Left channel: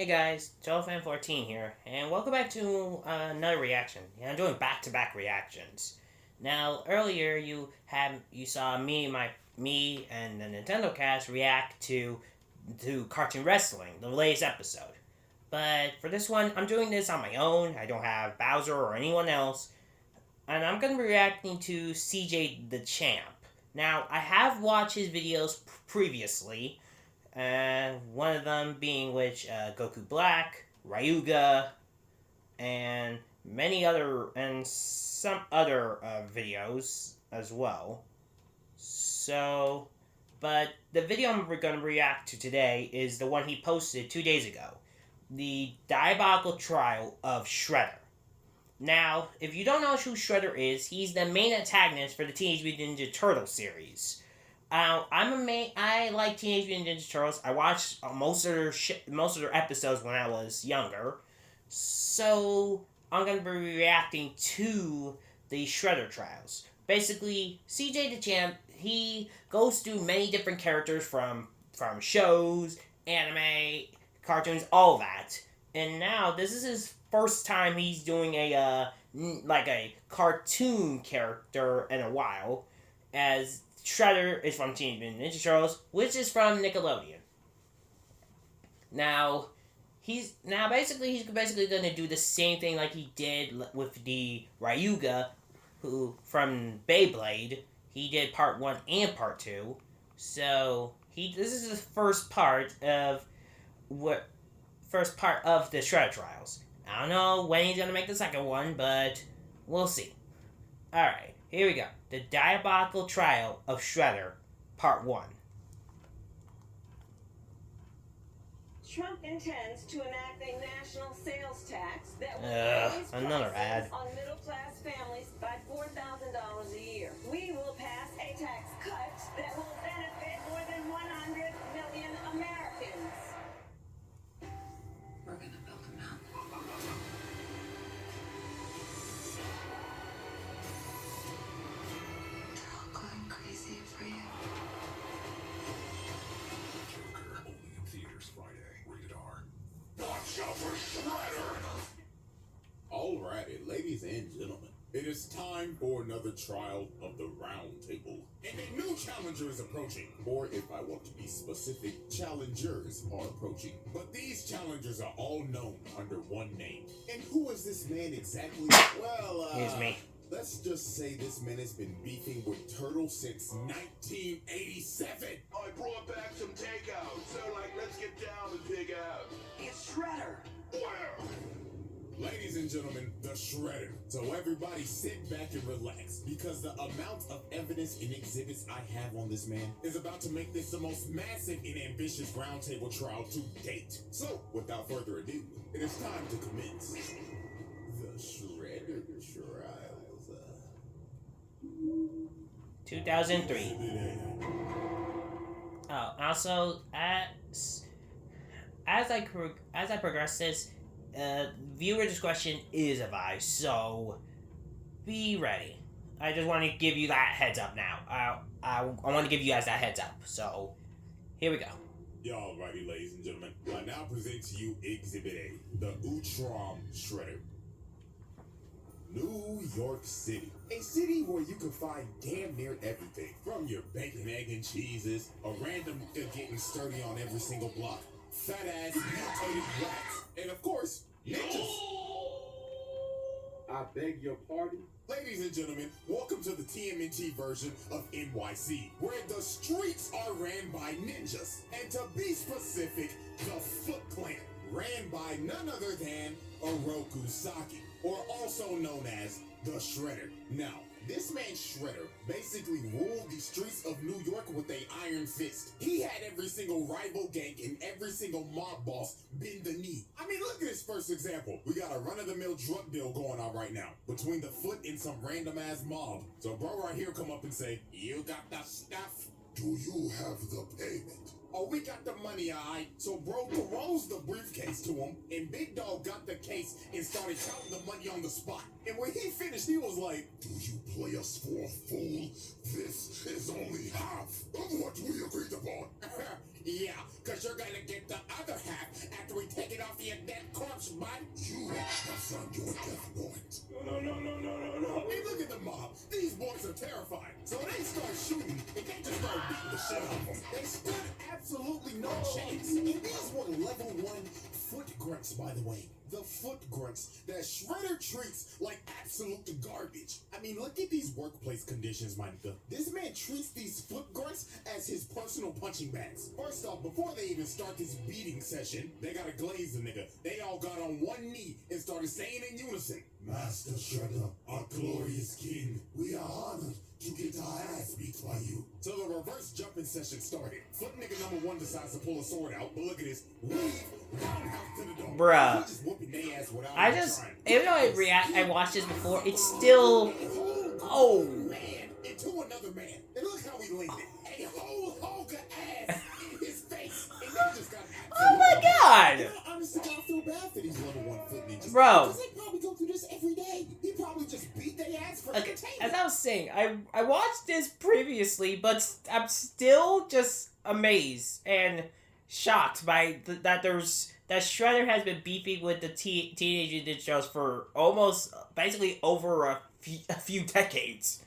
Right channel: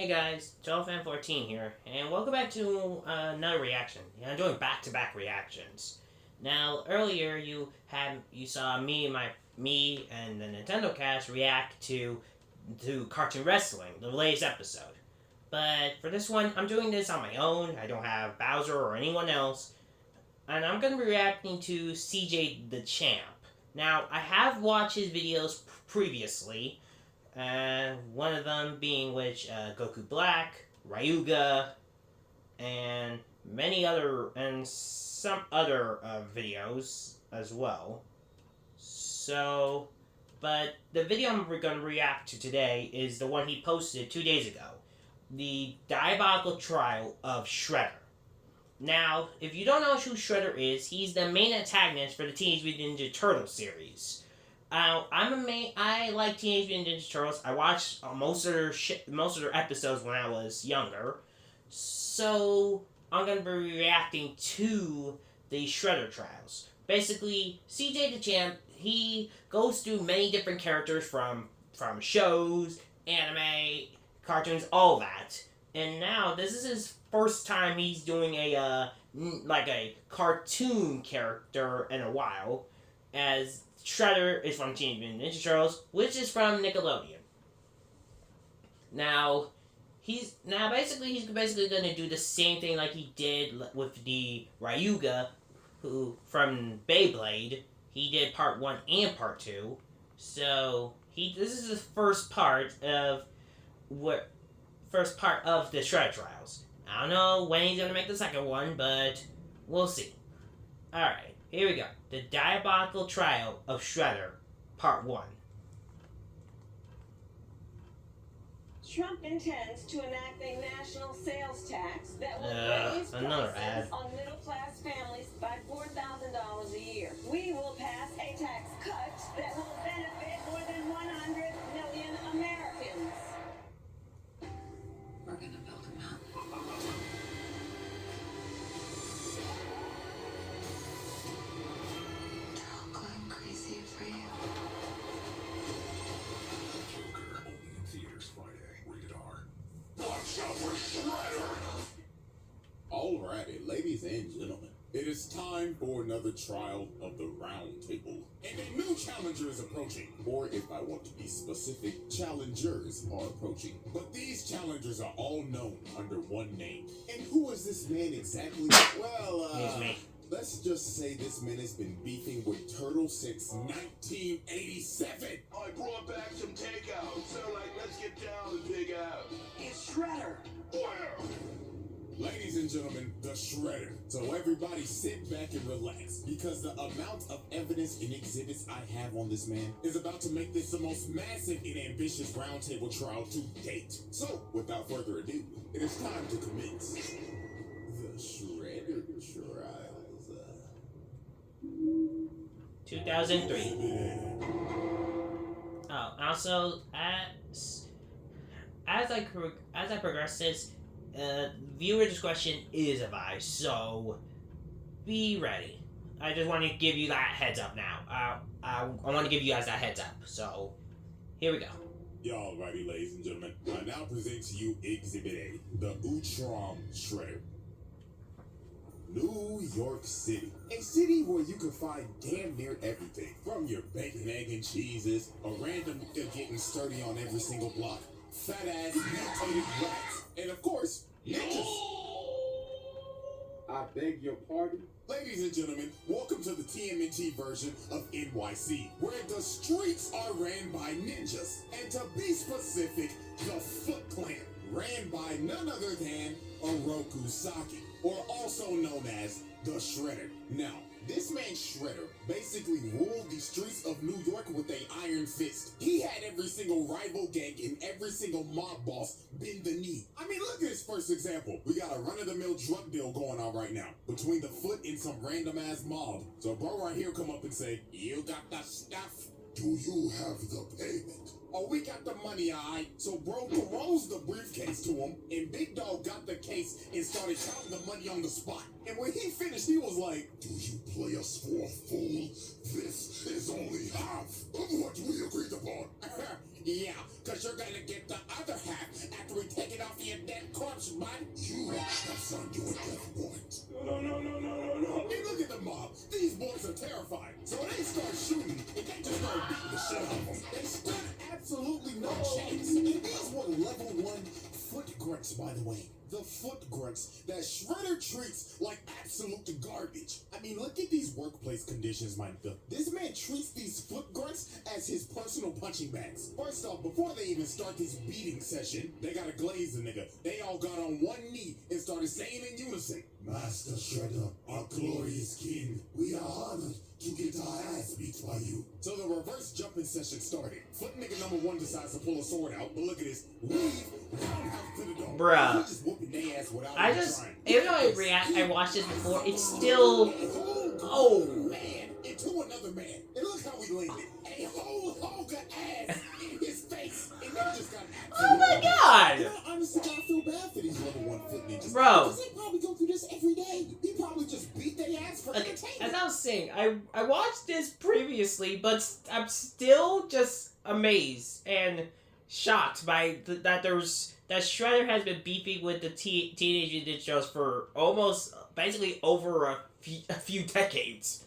Hey guys, JoeFan14 here, and welcome back to another reaction. I'm doing back-to-back reactions. Now, earlier you saw me and the Nintendo Cast react to Cartoon Wrestling, the latest episode. But for this one, I'm doing this on my own. I don't have Bowser or anyone else, and I'm gonna be reacting to CJ the Champ. Now, I have watched his videos previously. One of them being Goku Black, Ryuga, and some other videos as well. So, but the video I'm going to react to today is the one he posted 2 days ago, the diabolical trial of Shredder. Now, if you don't know who Shredder is, he's the main antagonist for the Teenage Mutant Ninja Turtles series. I like Teenage Mutant Ninja Turtles. I watched most of their episodes when I was younger, so I'm gonna be reacting to the Shredder trials. Basically, CJ the Champ, he goes through many different characters from shows, anime, cartoons, all that, and now this is his first time he's doing a cartoon character in a while, as Shredder is from Teenage Mutant Ninja Turtles, which is from Nickelodeon. Now, he's basically going to do the same thing like he did with the Ryuga, who from Beyblade. He did part 1 and part 2. So this is the first part of the Shredder trials. I don't know when he's gonna make the second one, but we'll see. Alright, here we go. The Diabolical Trial of Shredder, Part 1. Trump intends to enact a national sales tax that will raise prices on middle-class families by $4,000 a year. We will pass a tax cut that will benefit more than 100 million Americans. We're going to build a mountain. Alrighty, ladies and gentlemen, it is time for another trial of the round table. And a new challenger is approaching, or if I want to be specific, challengers are approaching. But these challengers are all known under one name. And who is this man exactly? Well, Here's me. Let's just say this man has been beefing with Turtle since 1987. I brought back some takeout, so let's get down and dig out. It's Shredder. Where? Ladies and gentlemen, the Shredder. So everybody sit back and relax, because the amount of evidence and exhibits I have on this man is about to make this the most massive and ambitious roundtable trial to date. So, without further ado, it is time to commence the Shredder trials. 2003. Oh, also, as I progress this, viewer discretion is advised, so be ready. I just want to give you that heads up now. I want to give you guys that heads up. So, here we go. Alrighty, ladies and gentlemen, I now present to you Exhibit A, the Urtom Shedder. New York City. A city where you can find damn near everything. From your bacon, egg, and cheeses, a random nigga getting sturdy on every single block, fat-ass mutated rats, and of course, ninjas. I beg your pardon? Ladies and gentlemen, welcome to the TMNT version of NYC, where the streets are ran by ninjas. And to be specific, the Foot Clan, ran by none other than Oroku Saki, or also known as the Shredder. Now, this man Shredder basically ruled the streets of New York with an iron fist. He had every single rival gang and every single mob boss bend the knee. I mean, look at this first example. We got a run-of-the-mill drug deal going on right now between the Foot and some random-ass mob. So bro right here come up and say, "You got the stuff? Do you have the payment?" "Oh, we got the money, alright." So bro throws the briefcase to him, and Big Dog got the case and started counting the money on the spot. And when he finished, he was like, "Do you play us for a fool? This is only half of what we agreed upon." "Yeah, cause you're gonna get the other half after we take it off son, you're death warrant. No. Hey, look at the mob. These boys are terrified. So they start shooting, and they just start beating the shit out of them. They stood absolutely no chance. And these were level 1 foot grunts, by the way. The foot grunts that Shredder treats like absolute garbage. I mean, look at these workplace conditions, my nigga. This man treats these foot grunts as his personal punching bags. First off, before they even start this beating session, they gotta glaze the nigga. They all got on one knee and started saying in unison, Master Shredder, our glorious king, we are honored to get our ass beat by you. So the reverse jumping session started. Foot nigga number 1 decides to pull a sword out, but look at this. Weave, roundhouse to the dome. Bruh. Just whooping their ass without I even just, trying. even though I watched this before, it's still, Oh man, into another man. And look how we landed. A whole hog of ass in his face. And they just got oh my god! You know, honestly, I feel bad for these level 1 foot ninjas. Bro. Because they probably go through this every day. He probably just beat their ass for Okay, entertainment. as I was saying, I watched this previously, but I'm still just amazed and shocked by that Shredder has been beefing with the Teenage Mutant Ninja Turtles for almost basically over a few decades.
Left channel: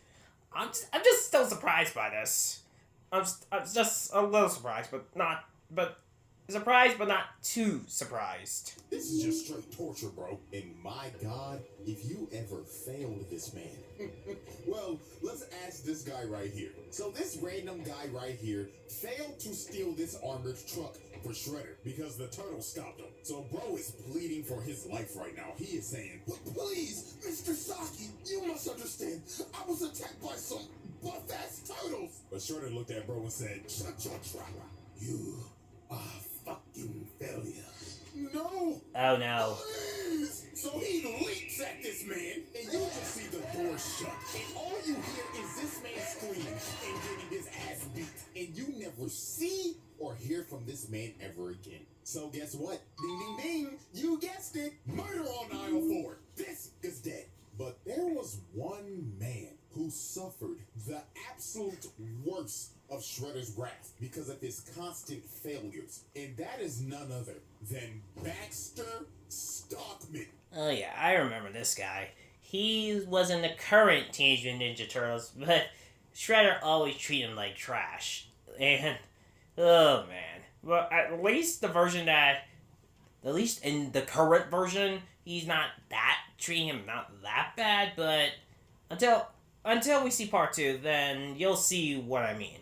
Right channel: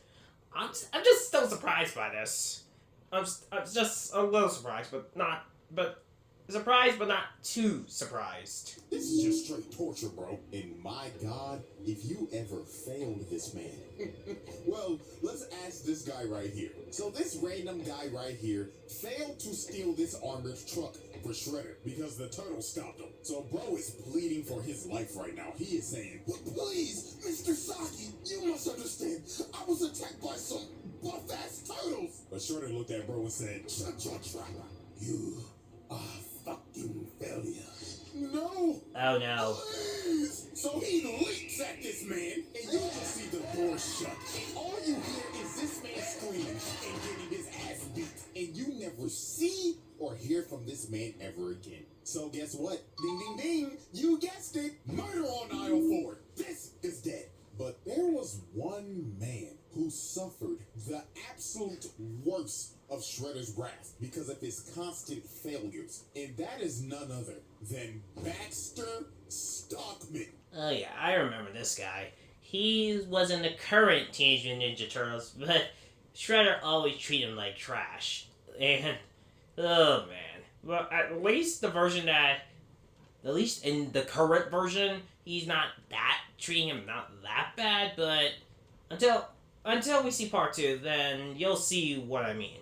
I'm just still surprised by this. I'm just a little surprised, but surprised, but not too surprised. This is just straight torture, bro. And my God, if you ever failed this man. Well, let's ask this guy right here. So this random guy right here failed to steal this armored truck for Shredder because the turtle stopped him. So bro is pleading for his life right now. He is saying, please, Mr. Saki, you must understand. I was attacked by some buff-ass turtles. But Shredder looked at bro and said, shut your trap. You are fucking failure. No. Oh no. Please. So he leaps at this man, and you just see the door shut. And all you hear is this man screaming and getting his ass beat. And you never see or hear from this man ever again. So guess what? Ding, ding, ding. You guessed it. Murder on aisle 4. This is dead. But there was one man who suffered the absolute worst of Shredder's wrath because of his constant failures. And that is none other than Baxter Stockman. Oh yeah, I remember this guy. He was in the current Teenage Mutant Ninja Turtles, but Shredder always treated him like trash. And, oh man. Well, at least in the current version, he's not treating him not that bad, but until we see part 2, then you'll see what I mean.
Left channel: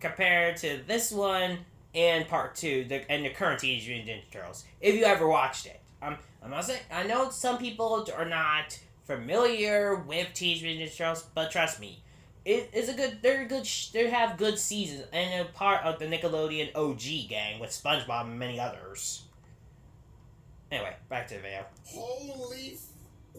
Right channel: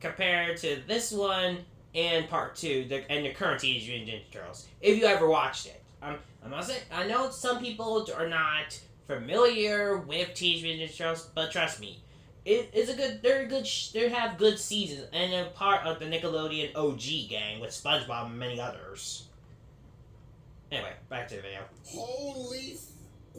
Compared to this one and part 2, and the current Teenage Mutant Ninja Turtles, if you ever watched it. I'm not saying, I know some people are not familiar with Teenage Mutant Ninja Turtles, but trust me, they have good seasons, and they're part of the Nickelodeon OG gang with SpongeBob and many others. Anyway, back to the video. Holy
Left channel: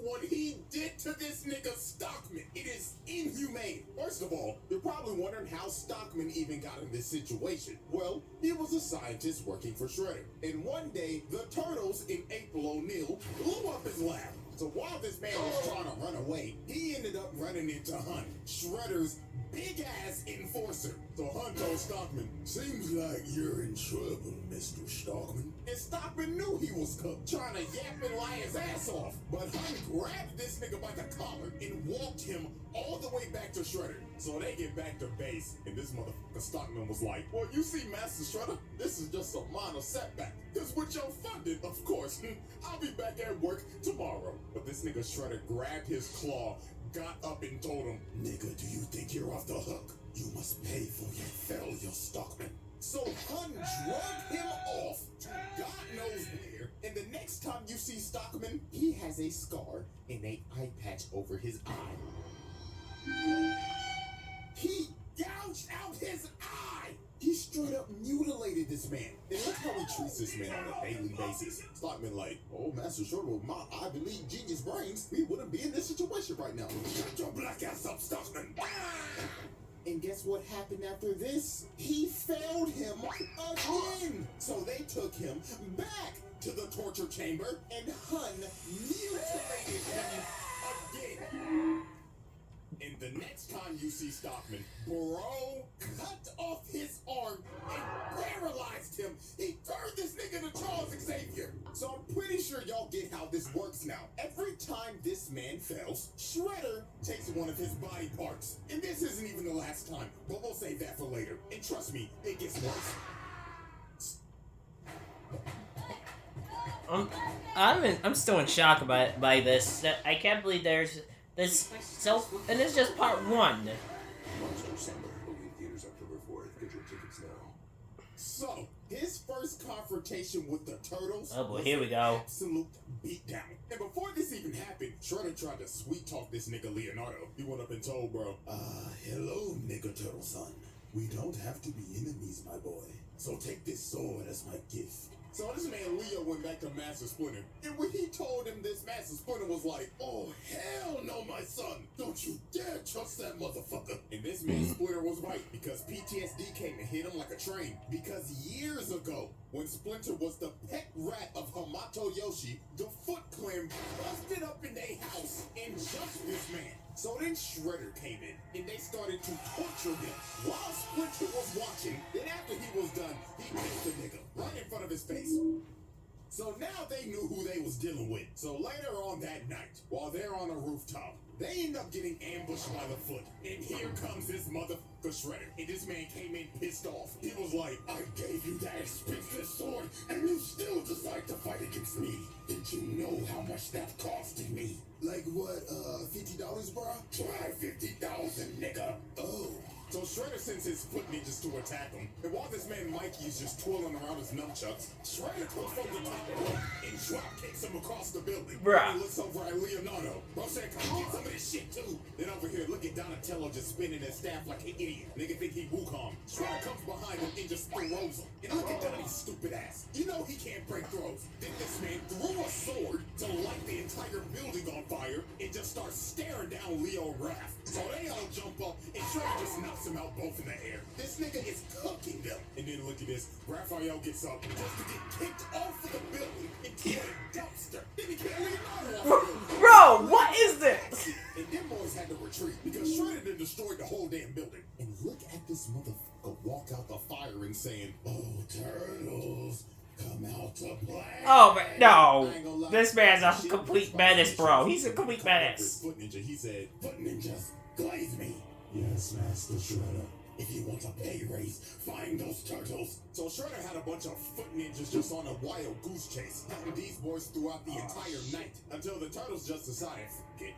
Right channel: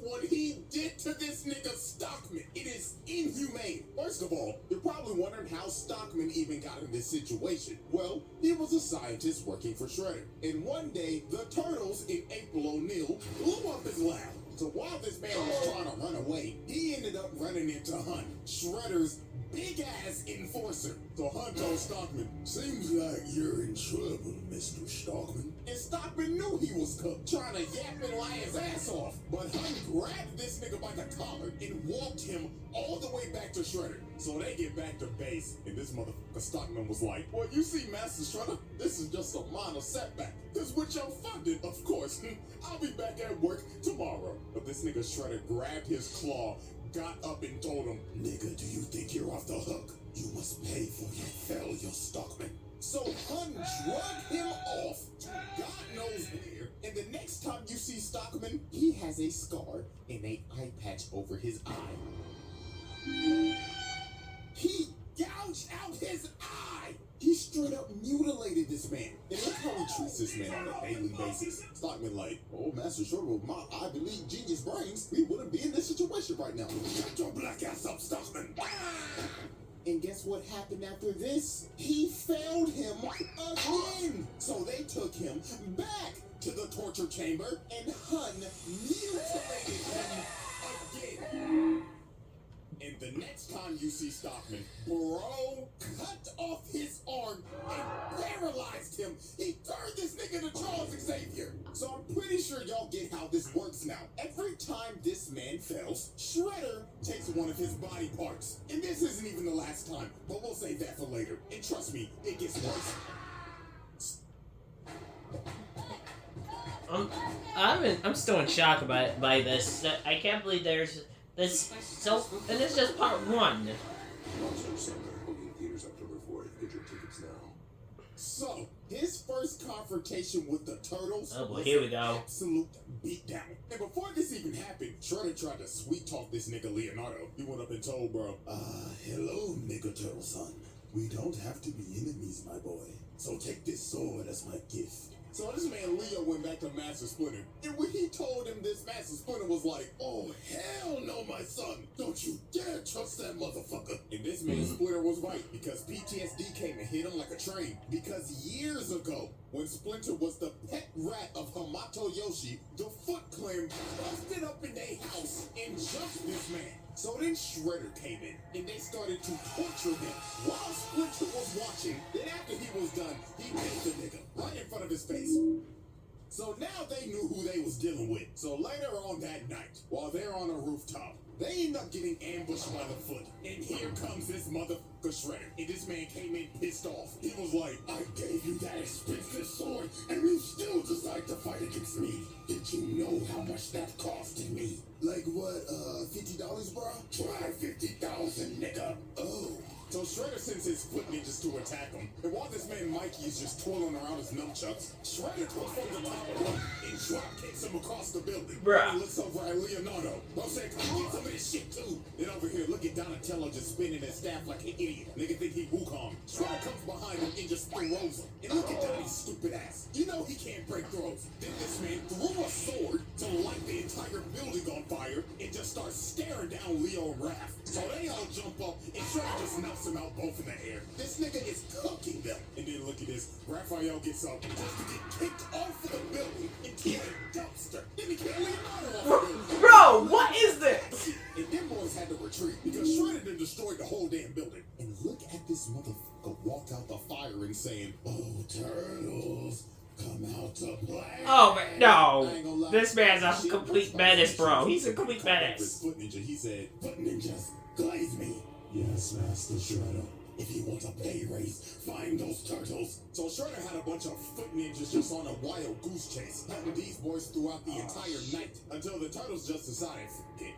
what he did to this nigga Stockman, it is inhumane. First of all, you're probably wondering how Stockman even got in this situation. Well, he was a scientist working for Shredder. And one day, the Turtles in April O'Neil blew up his lab. So while this man was trying to run away, he ended up running into Hun, Shredder's big-ass enforcer. So Hun told Stockman, seems like you're in trouble, Mr. Stockman. And Stockman knew he was cooked, trying to yap and lie his ass off. But Hun grabbed this nigga by the collar and walked him all the way back to Shredder. So they get back to base, and this motherfucker Stockman was like, well, you see, Master Shredder, this is just a minor setback. Because with your funding, of course, I'll be back at work tomorrow. But this nigga Shredder grabbed his claw, got up and told him, nigga, do you think you're off the hook? You must pay for your failure, Stockman. So Hun drugged him off to God knows where, and the next time you see Stockman, he has a scar and an eye patch over his eye. He gouged out his eye! He straight up mutilated this man. And look how he treats this man on a daily basis. Stockman like, oh, Master Shredder, my Ivy League genius brains, we wouldn't be in this situation right now. Shut your black ass up, Stockman! And guess what happened after this? He failed him again. So they took him back to the torture chamber and Hun mutilated him again. And the next time you see Stockman, bro cut off his arm and paralyzed him. He turned this nigga to Charles Xavier. So I'm pretty sure y'all get how this works now. Every and fails, Shredder takes one of his body parts. And this isn't even the last time, but we'll save that for later. And trust me, it gets worse. I'm still in shock by this. I can't believe there's this. So, and this is just part 1. So, his first confrontation with the Turtles was here we go. Absolute beatdown. And before this even happened, Shredder tried to sweet talk this nigga Leonardo. He went up and told bro, hello, nigga Turtle son. We don't have to be enemies, my boy. So take this sword as my gift. So this man Leo went back to Master Splinter, and when he told him this, Master Splinter was like, oh, hell no, my son. Don't you dare trust that motherfucker. And this man Splinter was right, because PTSD came and hit him like a train. Because years ago, when Splinter was the pet rat of Hamato Yoshi, the Foot Clan busted up in their house and jumped this man. So then Shredder came in, and they started to torture him while Splinter was watching. Then after he was done, he beat the nigga right in front of his face. So now they knew who they was dealing with. So later on that night, while they're on a rooftop, they end up getting ambushed by the Foot. And here comes this motherfucker Shredder. And this man came in pissed off. He was like, I gave you that expensive sword, and you still decide to fight against me. Did you know how much that costed me? Like what, $50, bro? Try 50,000, nigga. Oh. So Shredder sends his foot ninjas to attack him. And while this man Mikey is just twirling around his nunchucks, Shredder comes from the top rope and drop kicks him across the building. Bruh. He looks over at Leonardo. Bro said, come get some of this shit too. Then over here, look at Donatello just spinning his staff like an idiot. Nigga think he Wukong. Shredder comes behind him and just throws him. And look at Donnie's stupid ass. You know he can't break throws. Then this man threw a sword to light the entire building on fire and just starts staring down Leo and Raph. So they all jump up and Shredder just knocks them out both in the air. This nigga is cooking them. And then look at this. Raphael gets up just to get kicked off of the building into a dumpster. Then he can't leave out. Bro, what is this? And them boys had to retreat because Shredder done destroyed the whole damn building. And look at this motherfucker walk out the fire and saying, oh, turtles, come out to play. Oh, no. This man's a complete menace, bro. He's a complete menace. Foot Ninja, he said, Foot Ninjas, glaze me. Yes, Master Shredder. If you want a pay raise, find those turtles. So Shredder had a bunch of Foot Ninjas just on a wild goose chase, hunting these boys throughout the entire night, until the turtles just decided,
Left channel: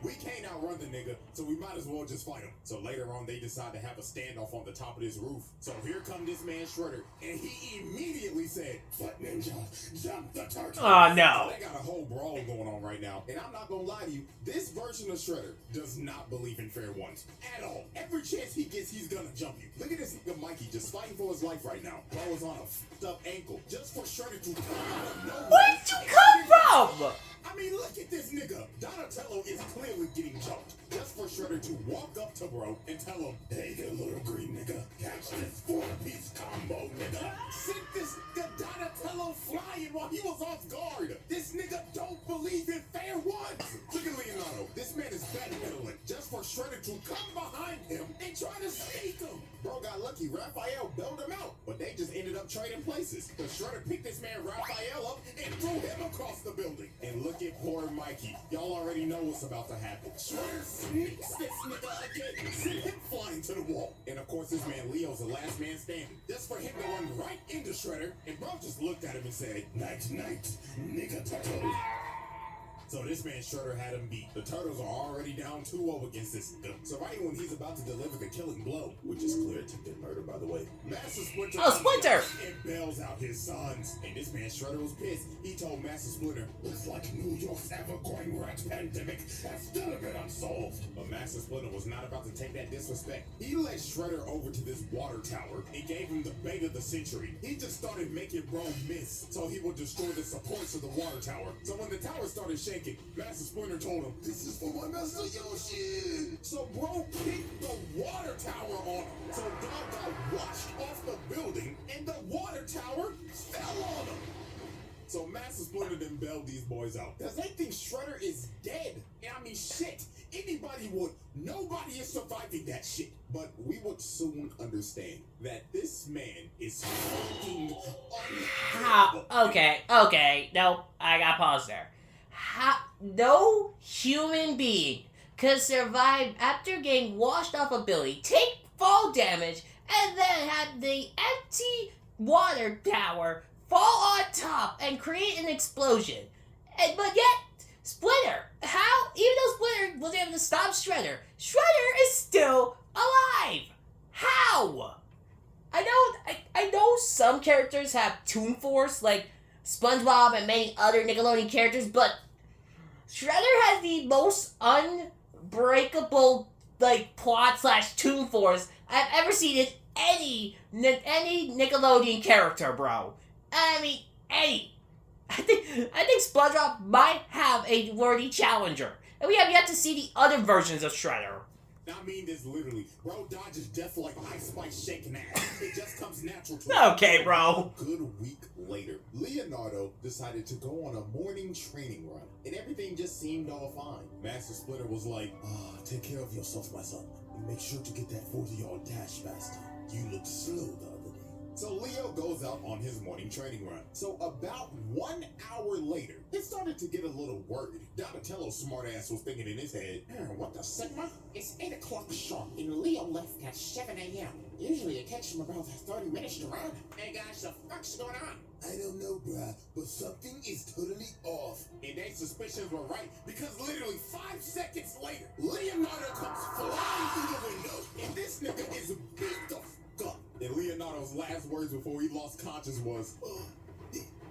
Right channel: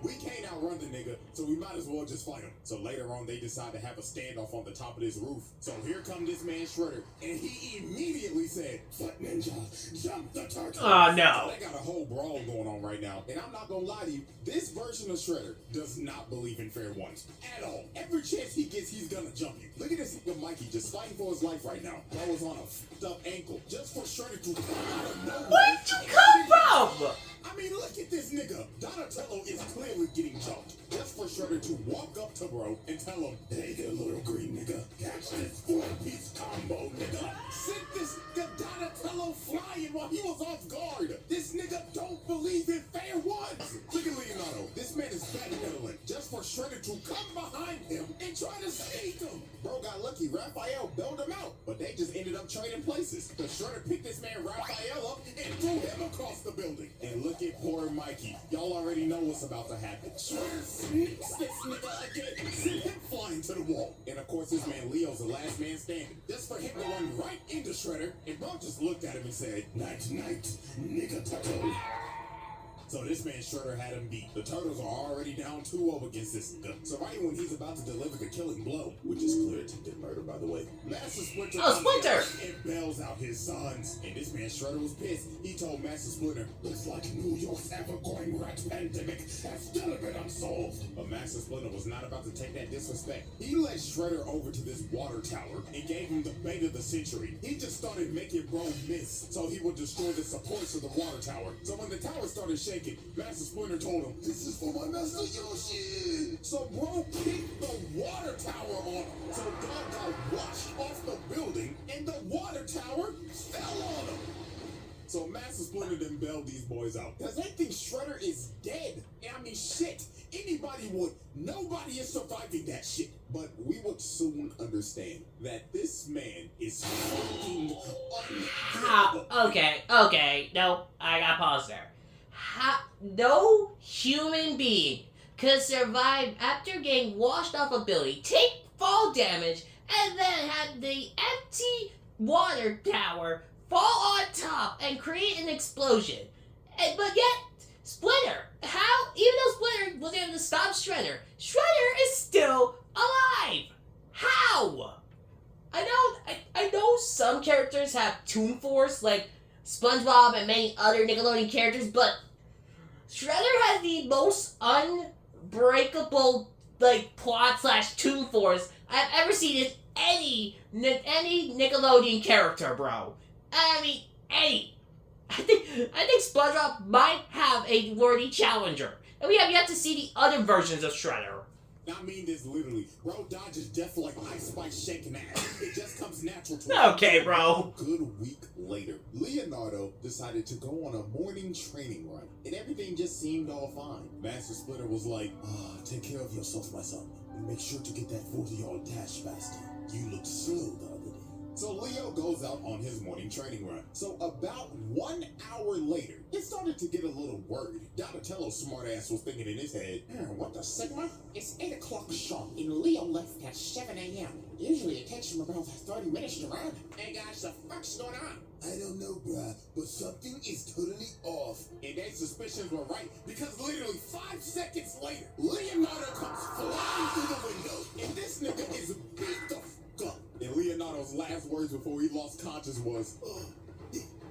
we can't outrun the nigga, so we might as well just fight him. So later on, they decide to have a standoff on the top of this roof. So here come this man Shredder, and he immediately said, Foot Ninja, jump the turtle. Oh, no. So they got a whole brawl going on right now, and I'm not gonna lie to you, this version of Shredder does not believe in fair ones at all. Every chance he gets, he's gonna jump you. Look at this nigga Mikey just fighting for his life right now. Bro was on a fucked up ankle just for Shredder to come out of nowhere. Where did you come from? I mean, look at this nigga. Donatello is clearly getting jumped. Just for Shredder to walk up to bro and tell him, hey there, little green nigga. Catch this 4-piece combo, nigga. Sent this nigga Donatello flying while he was off guard. This nigga don't believe in fair ones. Look at Leonardo. This man is backpedaling just for Shredder to come behind him and try to sneak him. Bro got lucky. Raphael bailed him out. But they just ended up trading places. The Shredder picked this man Raphael up and threw him across the building. And look at poor Mikey. Y'all already know what's about to happen. Shredder sneaks this nigga again. Send him flying to the wall. And of course, this man Leo's the last man standing. Just for him to run right into Shredder. And bro just looked at him and said, night, night, nigga turtle. So this man Shredder had him beat. The Turtles are already down 2-0 against this nigga. So right when he's about to deliver the killing blow, which is clear attempted murder, by the way, Master Splinter and bails out his sons. And this man Shredder was pissed. He told Master Splinter, looks like New York's ever-going rat pandemic has still been unsolved. But Master Splinter was not about to take that disrespect. He led Shredder over to this water tower and gave him the bait of the century. He just started making bro miss so he would destroy the supports of the water tower. So when the tower started shaking, Master Splinter told him, this is for my Master Yoshi. So bro kicked the water tower on him. So dog got washed off the building and the water tower fell on him. So Master Splinter then bailed these boys out. Because they think Shredder is dead. And I mean, shit. Anybody would. Nobody is surviving that shit. But we would soon understand that this man is fucking unbelievable. Okay. No, I gotta pause there. no human being could survive after getting washed off a building, take fall damage, and then have the empty water tower fall on top and create an explosion. But yet, Splinter, how, even though Splinter was able to stop Shredder is still alive. How? I know some characters have Toon Force, like SpongeBob and many other Nickelodeon characters, but Shredder has the most unbreakable, like, plot/Toon Force I've ever seen in any Nickelodeon character, bro. I mean, any. I think SpongeBob might have a worthy challenger, and we have yet to see the other versions of Shredder. I mean this literally. Bro dodges death like Ice Spice shaking ass. It just comes natural to him. Okay, bro. A good week later, Leonardo decided to go on a morning training run, and everything just seemed all fine. Master Splinter was like, take care of yourself, my son, and make sure to get that 40-yard dash faster. You looked slow the other day. So Leo goes out on his morning training run. So about 1 hour later, it started to get a little worried. Donatello's smartass was thinking in his head, what the Sigma? It's 8 o'clock sharp, and Leo left at 7 a.m. Usually it takes him about 30 minutes to run. Hey guys, the fuck's going on? I don't know, bruh, but something is totally off. And their suspicions were right, because literally 5 seconds later, Leonardo comes flying through the window, and this nigga is beat the fuck up. And Leonardo's last words before he lost conscience was,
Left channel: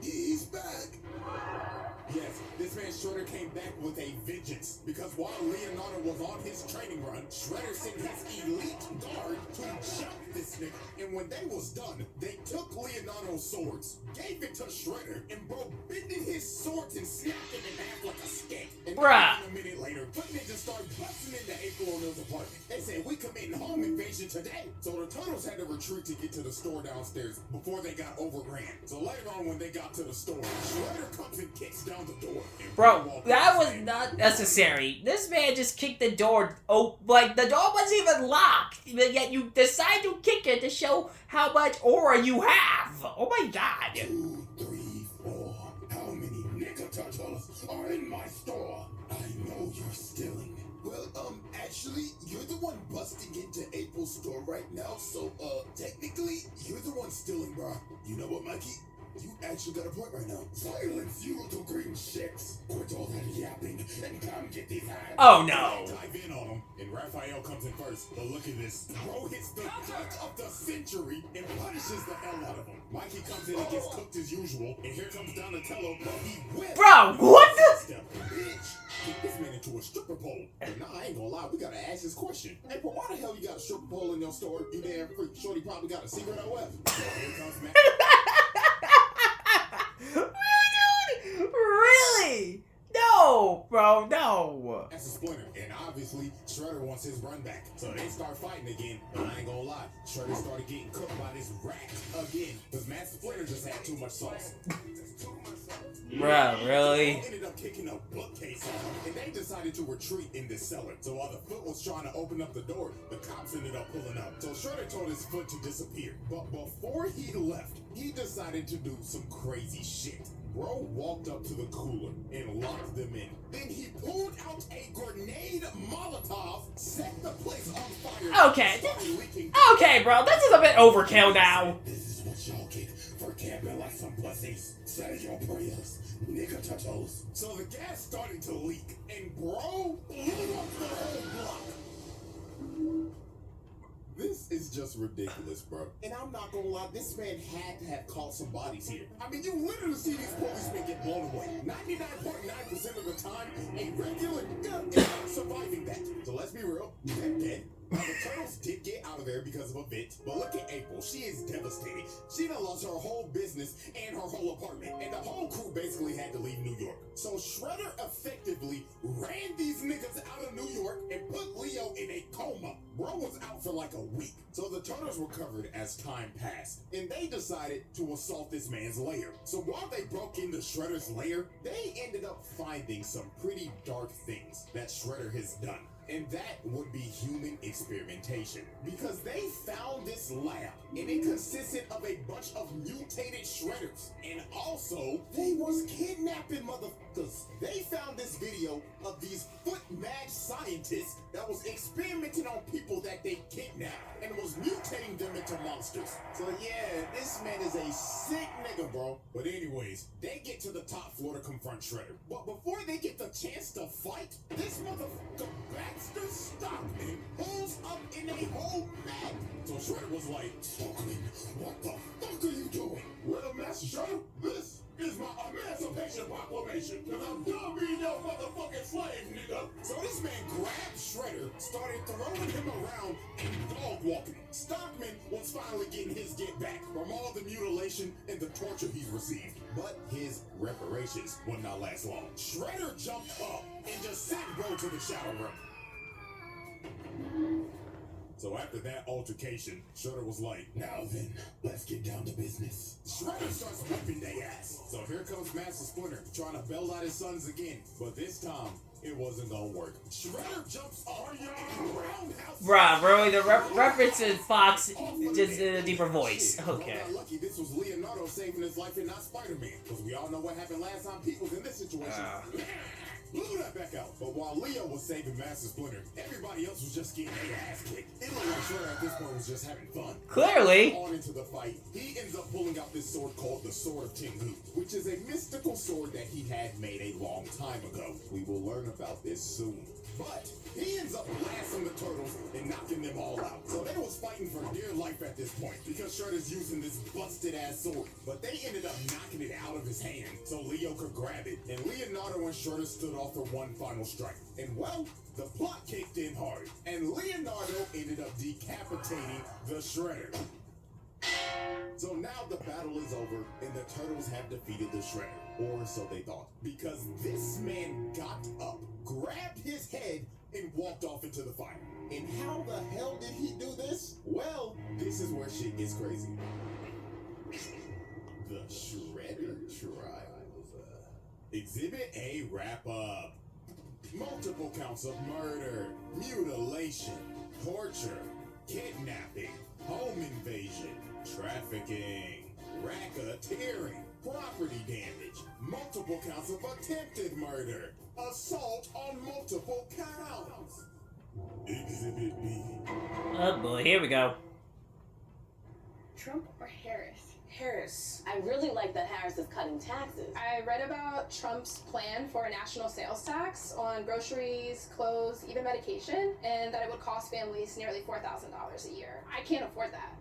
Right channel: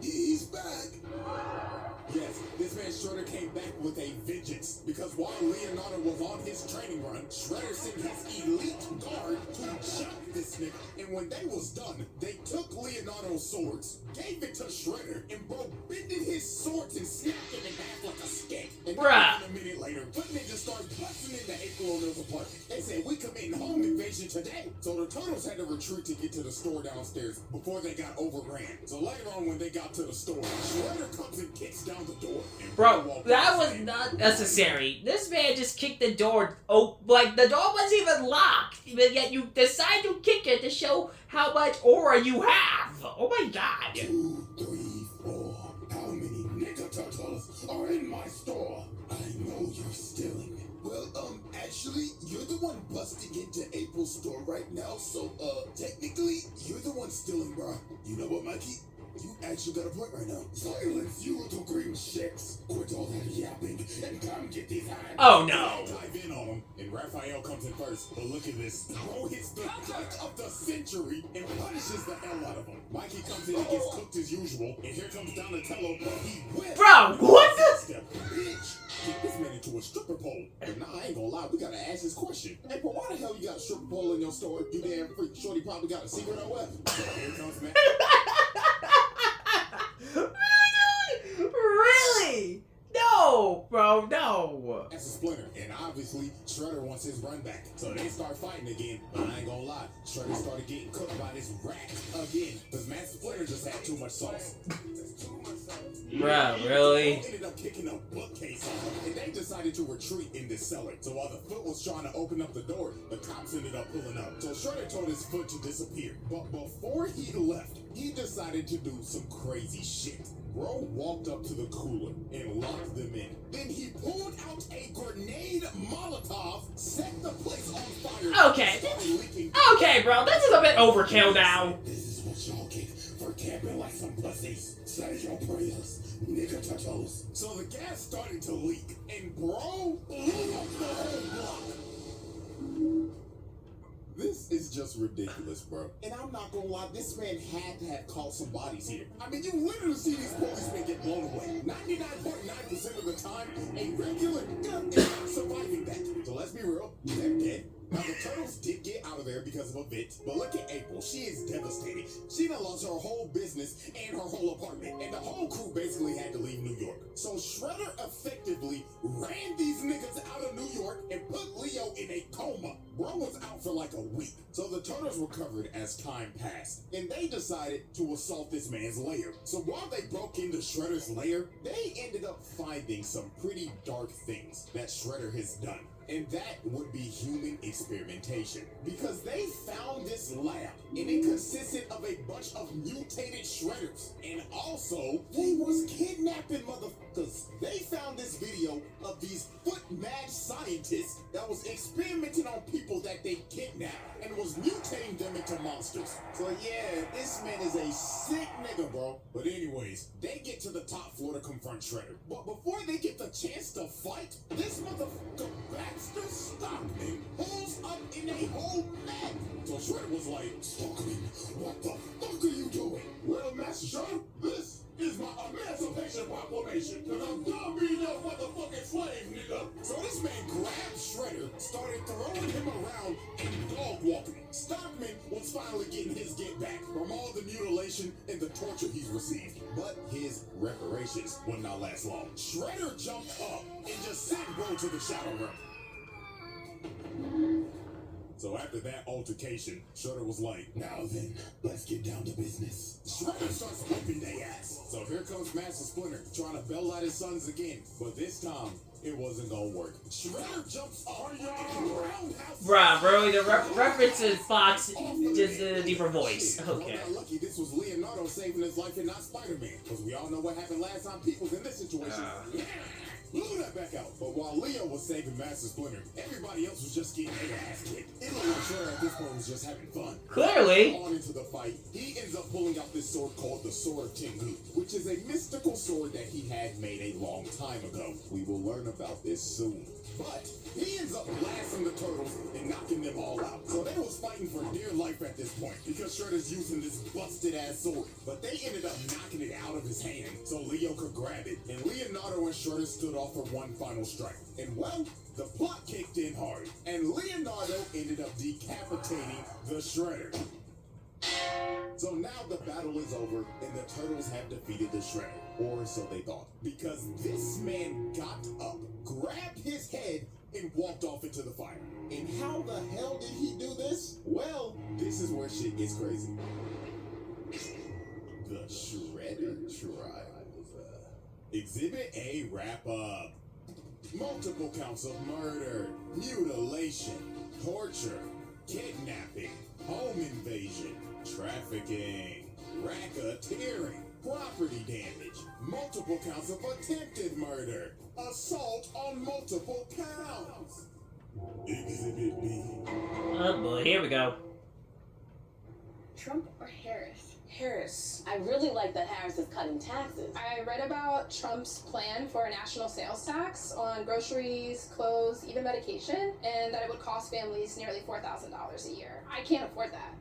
he's back. Yes, this man Shredder came back with a vengeance, because while Leonardo was on his training run, Shredder sent his elite guard to jump this nigga. And when they was done, they took Leonardo's swords, gave it to Shredder, and bro bended his swords and snapped them in half like a stick. And then a minute later, Foot Ninja started busting into April O'Neil's apartment. They said, we committing home invasion today. So the Turtles had to retreat to get to the store downstairs before they got overran. So later on when they got to the store, Shredder comes and kicks down the door. Bro, that was not necessary. This man just kicked the door. Oh, like the door wasn't even locked, but yet you decide to kick it to show how much aura you have. Oh my god. 2, 3, 4. How many Nicka Turtles are in my store? I know you're stealing. Well, actually, you're the one busting into April's store right now, so, technically, you're the one stealing, bro. You know what, Mikey? You actually got a point right now. Silence, you little green chicks. Quit all that yapping and come get these hands. Oh no. Dive in on him, and Raphael comes in first. But look at this. Bro hits the judge of the century and punishes the hell out of him. Mikey comes in and gets cooked as usual, and here comes Donatello. He whips. Bro, what the? Bitch, kick this man into a stripper pole. But nah, I ain't gonna lie, we gotta ask this question. Hey, but why the hell you got a stripper pole in your store? You damn freak. Shorty probably got a secret or what? So here comes man. Really? No, bro, no. That's a Splinter, and obviously Shredder wants his run back. So they start fighting again. But I ain't gonna lie, Shredder started getting cooked by this rat again. Because Master Splinter just had too much sauce. Bro, really? Ended up kicking a bookcase off, and they decided to retreat in this cellar. So while the Foot was trying to open up the door, the cops ended up pulling up. So Shredder told his Foot to disappear. But before he left, he decided to do some crazy shit. Bro walked up to the cooler and locked them in. Then he pulled out a grenade Molotov, set the place on fire. Okay. Okay, bro, this is a bit overkill now. This is what y'all get for camping like some pussies. Say your prayers, Nicka Turtles. So the gas started to leak, and bro blew up the whole block. This is just ridiculous, bro. And I'm not gonna lie, this man had to have caught some bodies here. I mean, you literally see these policemen get blown away. 99.9% of the time, a regular gun is not surviving that. So let's be real, they're dead. Now, the Turtles did get out of there because of a bit, but look at April. She is devastated. She done lost her whole business and her whole apartment, and the whole crew basically had to leave New York. So Shredder effectively ran these niggas out of New York and put Leo in a coma. Bro was out for like a week. So the Turtles recovered as time passed, and they decided to assault this man's lair. So while they broke into Shredder's lair, they ended up finding some pretty dark things that Shredder has done. And that would be human experimentation. Because they found this lab, and it consisted of a bunch of mutated shredders. And also, they was kidnapping motherfuckers. They found this video of these foot-mad scientists that was experimenting on people that they kidnapped and was mutating them into monsters. So yeah, this man is a sick nigga, bro. But anyways, they get to the top floor to confront Shredder. But before they get the chance to fight, this motherfucker Baxter Stockman pulls up in a whole map. So Shredder was like, Stockman, what the fuck are you doing? Well, Master Shredder, this is my Emancipation Proclamation, and I'm done being no motherfucking slave, nigga. So this man grabbed Shredder, started throwing him around and dog walking him. Stockman was finally getting his get back from all the mutilation and the torture he's received. But his reparations would not last long. Shredder jumped up and just sent Bro to the shadow room. So after that altercation, Shredder was like, now then, let's get down to business. Shredder starts whipping their ass. So here comes Master Splinter trying to bail out his sons again. But this time, it wasn't gonna work. Shredder jumps on your roundhouse. Bruh, bro, the reference to Fox just in a deeper voice. Okay. Well, lucky this was Leonardo saving his life and not Spider-Man. Because we all know what happened last time people was in this situation. Blew that back out. But while Leo was saving Master Splinter, everybody else was just getting their ass kicked. It looked like Shredder at this point was just having fun. Clearly. On into the fight, he ends up pulling out this sword called the Sword of Tengu, which is a mystical sword that he had made a long time ago. We will learn about this soon. But he ends up blasting the turtles and knocking them all out. So they was fighting for dear life at this point because Shredder's using this busted ass sword. But they ended up knocking it out of his hand so Leo could grab it. And Leonardo and Shredder stood off for one final strike. And well, the plot kicked in hard. And Leonardo ended up decapitating the Shredder. So now the battle is over and the turtles have defeated the Shredder. Or so they thought. Because this man got up, grabbed his head, and walked off into the fire. And how the hell did he do this? Well, this is where shit gets crazy. The Shredder Trials. Exhibit A wrap-up. Multiple counts of murder, mutilation, torture, kidnapping, home invasion, trafficking, racketeering, property damage, multiple counts of attempted murder, assault on multiple counts. Exhibit B. Oh boy, here we go. Trump or Harris? Harris. I really like that Harris is cutting taxes. I read about Trump's plan for a national sales tax on groceries, clothes, even medication, and that it would cost families nearly $4,000 a year. I can't afford that.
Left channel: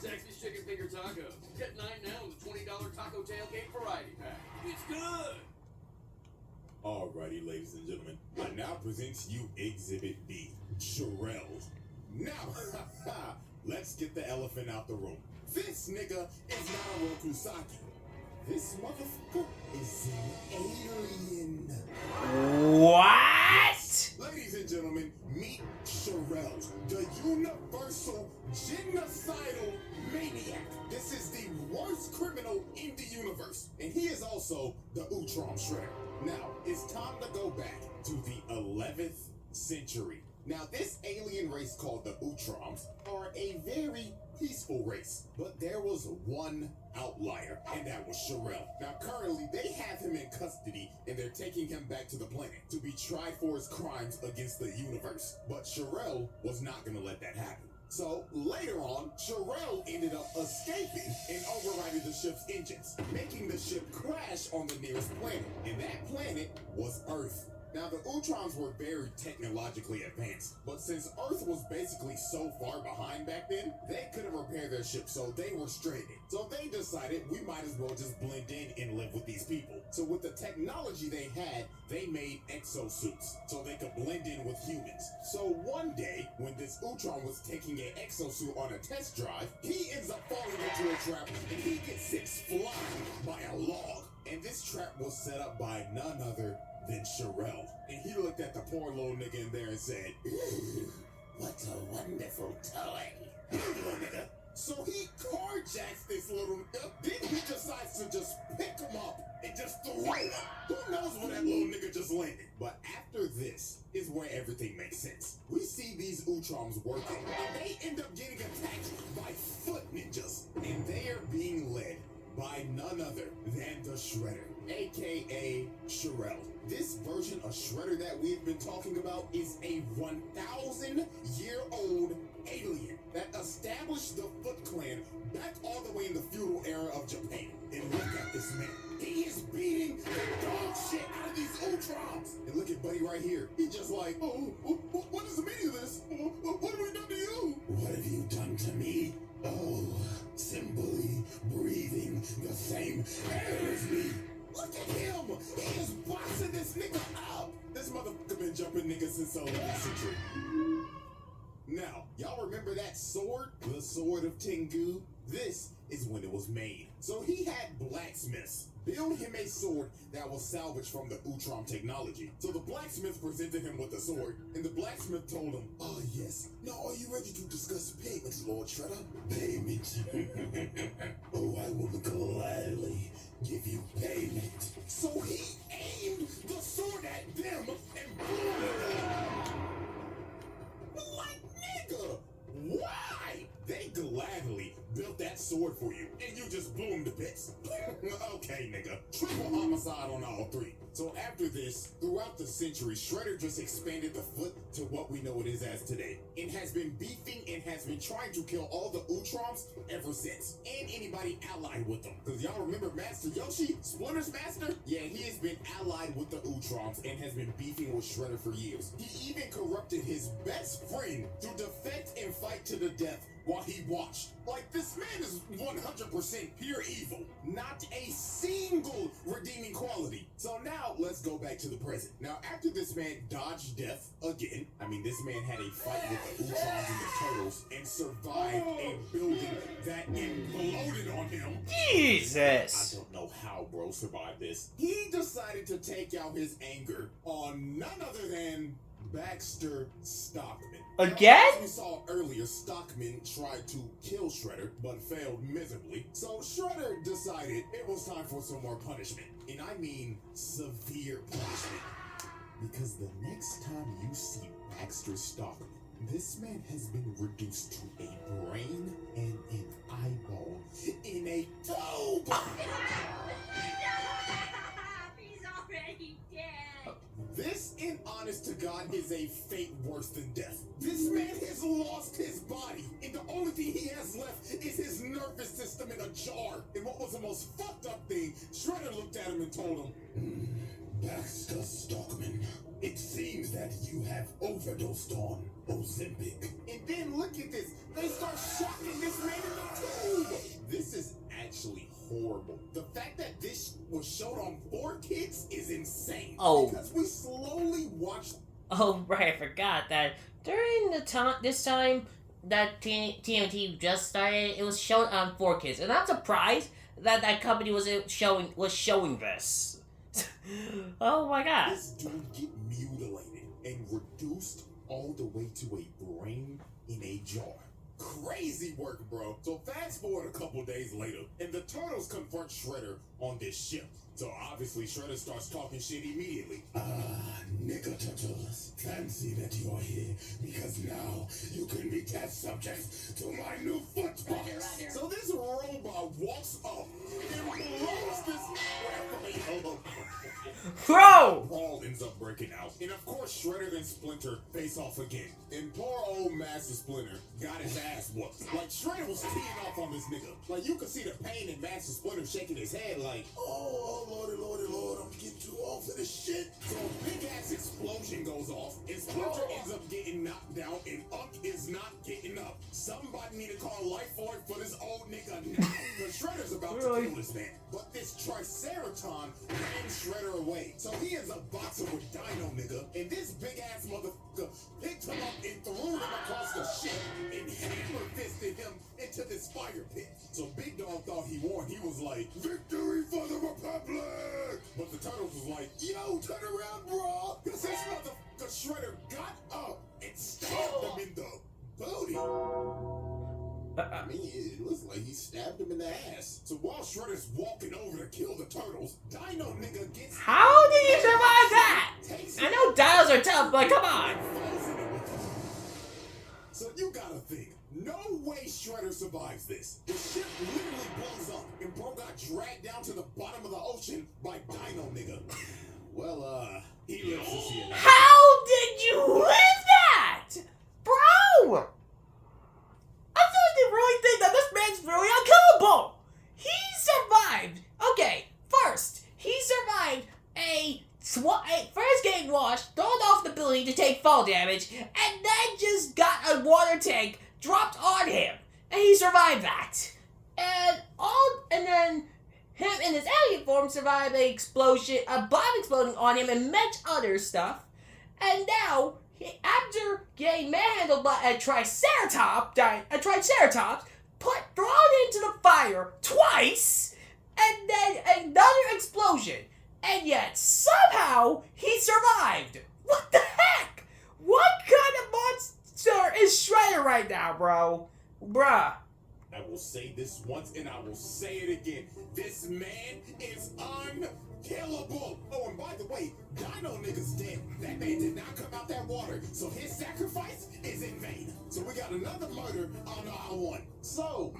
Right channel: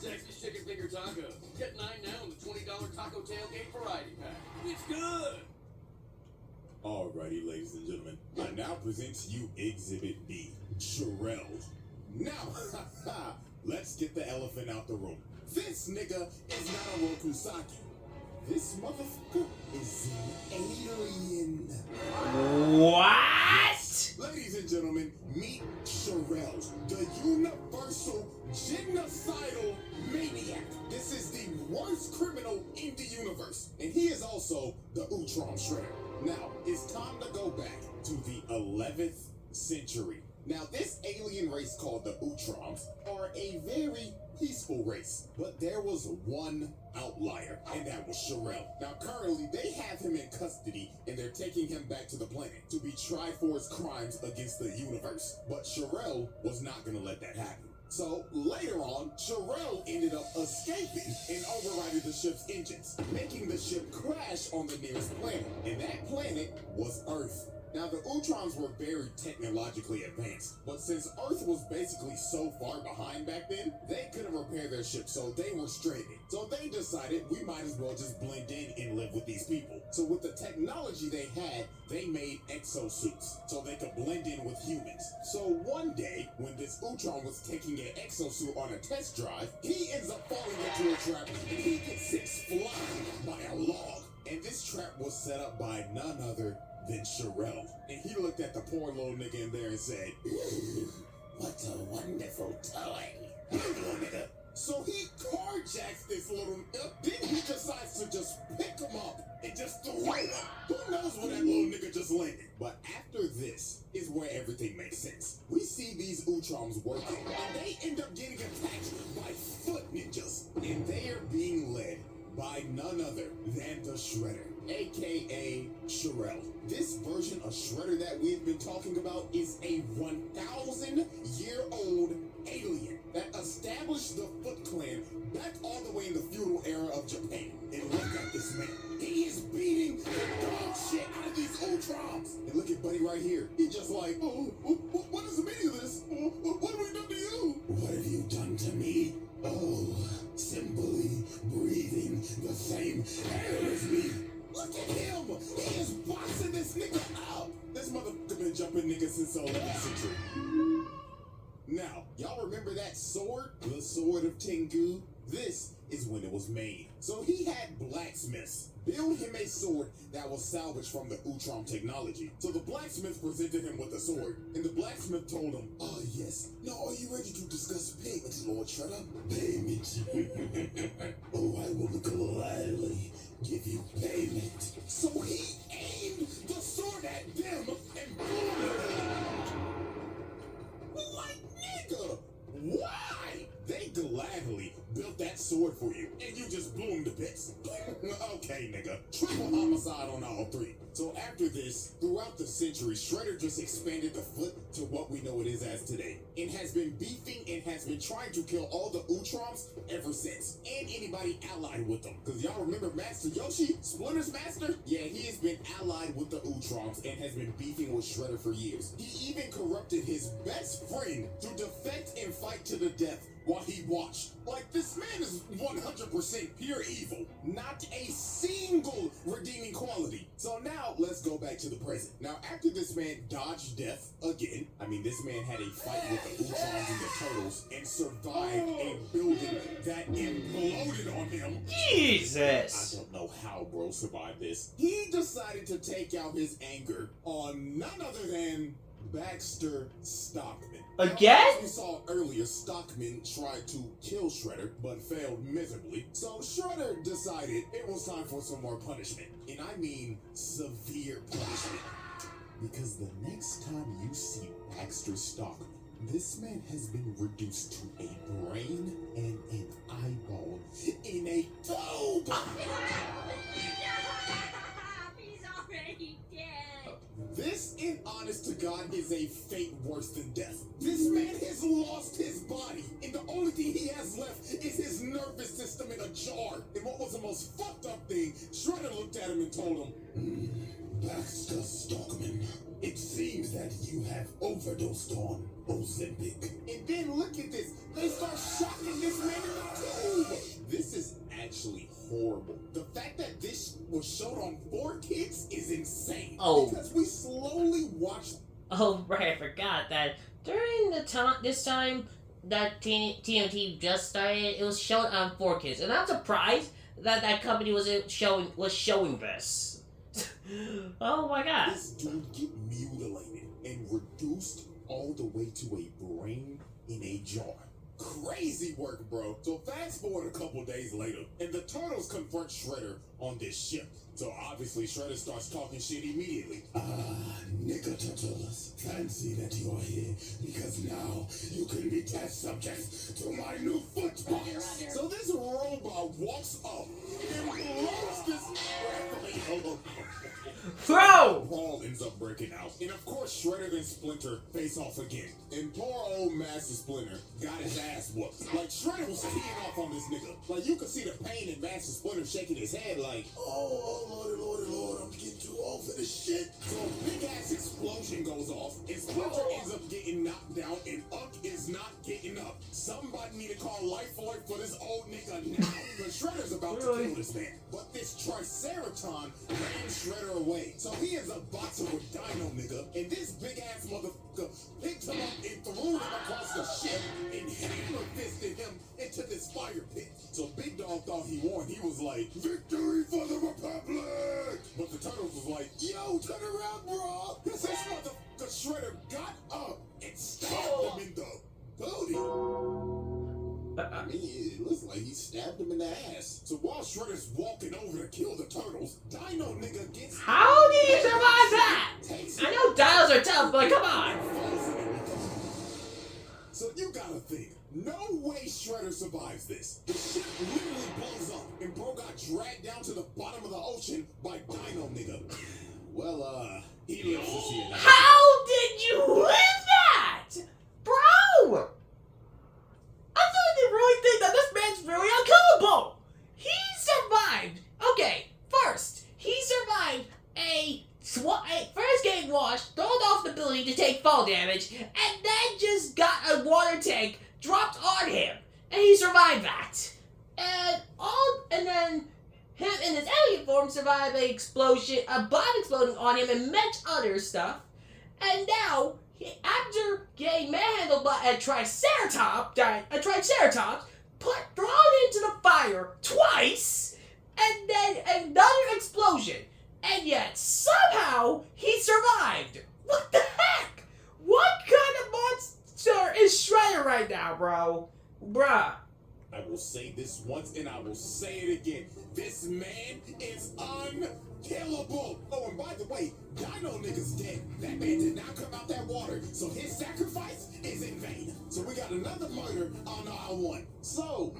Sexy chicken finger tacos. Get 9 now on the $20 taco tailgate variety pack. It's good. Alrighty, ladies and gentlemen, I now present to you Exhibit B, Sherelle. Now, let's get the elephant out the room. This nigga is not a Rokusaki. This motherfucker is an alien. What? Ladies and gentlemen, meet Sherelle, the universal genocidal maniac. This is the worst criminal in the universe. And he is also the Urtom Shedder. Now, it's time to go back to the 11th century. Now, this alien race called the Utroms are a very peaceful race. But there was one outlier, and that was Sherelle. Now, currently, they have him in custody, and they're taking him back to the planet to be tried for his crimes against the universe. But Sherelle was not going to let that happen. So, later on, Sherelle ended up escaping and overriding the ship's engines, making the ship crash on the nearest planet. And that planet was Earth. Now, the Utroms were very technologically advanced, but since Earth was basically so far behind back then, they couldn't repair their ship, so they were stranded. So they decided we might as well just blend in and live with these people. So with the technology they had, they made exosuits, so they could blend in with humans. So one day, when this Utrom was taking an exosuit on a test drive, he ends up falling into a trap, and he gets six flying by a log. And this trap was set up by none other than Sherelle. And he looked at the poor little nigga in there and said, what a wonderful toy. Little nigga. So he carjacks this little nigga. Then he decides to just pick him up and just throw him. Who knows where that little nigga just landed? But after this is when Utroms working, and they end up getting attacked by foot ninjas. And they are being led by none other than the Shredder, aka Shirel. This version of Shredder that we've been talking about is a 1,000-year-old alien that established the Foot Clan back all the way in the feudal era of Japan. And look at this man. He is beating the dog shit out of these Utroms. And look at Buddy right here. He's just like, what is the meaning of this? What have we done to you? What have you done to me? Oh, simply breathing the same air as me. Look at him! He is boxing this nigga up! This motherfucker been jumping niggas since the 11th century. Now, y'all remember that sword? The Sword of Tengu? This is when it was made. So he had blacksmiths build him a sword that was salvaged from the Utrom technology. So the blacksmith presented him with the sword, and the blacksmith told him, "Ah, yes. Now are you ready to discuss payments, Lord Shredder?" Payment? Oh, I will gladly give you payment. So he aimed the sword at them and blew them. Like, nigga, why? They gladly built that sword for you, and you just blew him to bits. Okay, nigga. Triple homicide on all three. So after this, throughout the centuries, Shredder just expanded the Foot to what we know it is as today, and has been beefing and has been trying to kill all the Utroms ever since, and anybody allied with them. Because y'all remember Master Yoshi, Splinter's master? Yeah, he has been allied with the Utroms and has been beefing with Shredder for years. He even corrupted his best friend to defect and fight to the death while he watched. Like, this man is 100% pure evil. Not a single redeeming quality. So now, let's go back to the present. Now, after this man dodged death again, I mean, this man had a fight with the Utroms and the Turtles and survived a building that imploded on him. Jesus! I don't know how bro survived this. He decided to take out his anger on none other than Baxter Stockman. Again? Now, as we saw earlier, Stockman tried to kill Shredder, but failed miserably. So Shredder decided it was time for some more punishment. And I mean severe punishment. Because the next time you see Baxter Stockman, this man has been reduced to a brain and an eyeball in a tube. He's already dead. This, in honest to God, is a fate worse than death. This man has lost his body, and the only thing he has left is his nervous system in a jar. And what was the most fucked up thing, Shredder looked at him and told him, Baxter Stockman, it seems that you have overdosed on Ozempic. And then look at this. They start shocking this man in the tube. This is actually horrible. The fact that this was showed on 4Kids is insane. Oh. Because we slowly watched. Oh, right, I forgot that during this time that TMT just started, it was shown on 4Kids, and I'm surprised that that company was showing this. Oh my god. This dude get mutilated and reduced all the way to a brain in a jar. Crazy work, bro. So fast forward a couple days later, and the Turtles confront Shredder on this ship. So obviously Shredder starts talking shit immediately. Nigga Turtles, fancy that you are here, because now you can be test subjects to my new foot box. So this robot walks up and blows this Bro! Brawl ends up breaking out. And of course, Shredder and Splinter face off again. And poor old Master Splinter got his ass whooped. Like, Shredder was keying off on this nigga. Like, you could see the pain in Master Splinter shaking his head like, oh, Lord, I'm getting too old for this shit. So a big ass explosion goes off, and Splinter ends up getting knocked down, and Unk is not getting up. Somebody need to call Life Flight for this old nigga now. Because Shredder's about to kill this man. But this Triceraton ran Shredder away. So he ends up boxing with Dino nigga, and this big ass motherfucker picked him up and threw him across the ship and hammer fisted him into this fire pit. So Big Dog thought he won. He was like, victory for the Republic! But the Turtles was like, yo, turn around, bro! Because this motherfucker Shredder got up and stabbed him in the booty. I mean, it looks like he stabbed him in the ass. So while Shredder's walking over to kill the Turtles, Dino nigga gets... How did he survive that? I know dinos are tough, but come on. So you gotta think, no way Shredder survives this. The ship literally blows up, and bro got dragged down to the bottom of the ocean by Dino nigga. Well, he lives to see it. How did you live that? Bro! I didn't really think that this man's really unkillable. He survived. Okay, first, he survived first getting washed, thrown off the building to take fall damage, and then just got a water tank dropped on him. And he survived that. And then him in his alien form survived an explosion, a bomb exploding on him, and much other stuff. And now, after getting manhandled by a Triceratops, thrown into the fire twice, and then another explosion. And yet, somehow, he survived. What the heck? What kind of monster is Shredder right now, bro? Bruh. I will say this once and I will say it again. This man is unkillable. Oh, and by the way, Dino nigga's dead. That man did not come out that water, so his sacrifice is in vain. So we got another murder on aisle 1. So,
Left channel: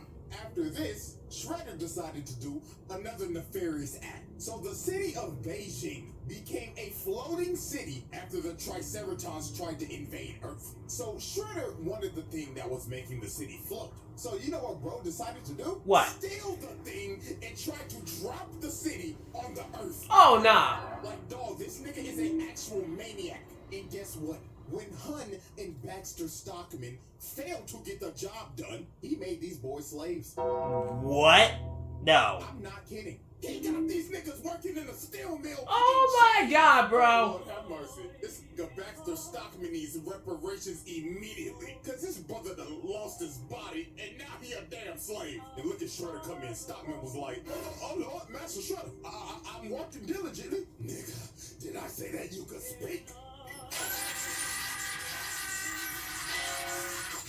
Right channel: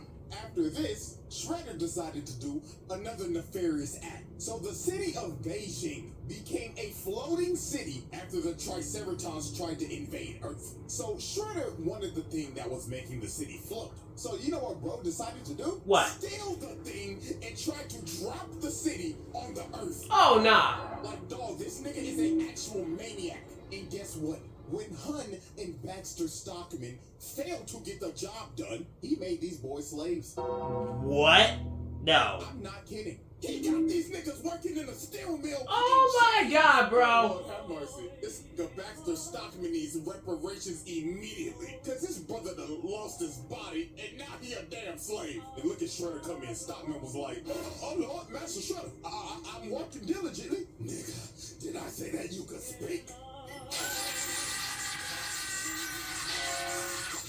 after this, Shredder decided to do another nefarious act. So the city of Beijing became a floating city after the Triceratops tried to invade Earth. So Shredder wanted the thing that was making the city float. So you know what bro decided to do? What? Steal the thing and try to drop the city on the Earth. Oh, nah. Like, dog, this nigga is an actual maniac. And guess what? When Hun and Baxter Stockman failed to get the job done, he made these boys slaves. What? No. I'm not kidding. He got these niggas working in a steel mill. Oh my god, bro. Lord have mercy. This nigga Baxter Stockman needs reparations immediately. Cause his brother done lost his body and now he a damn slave. And look at Shredder come in. Stockman was like, oh Lord, Master Shredder, I'm working diligently. Nigga, did I say that you could speak?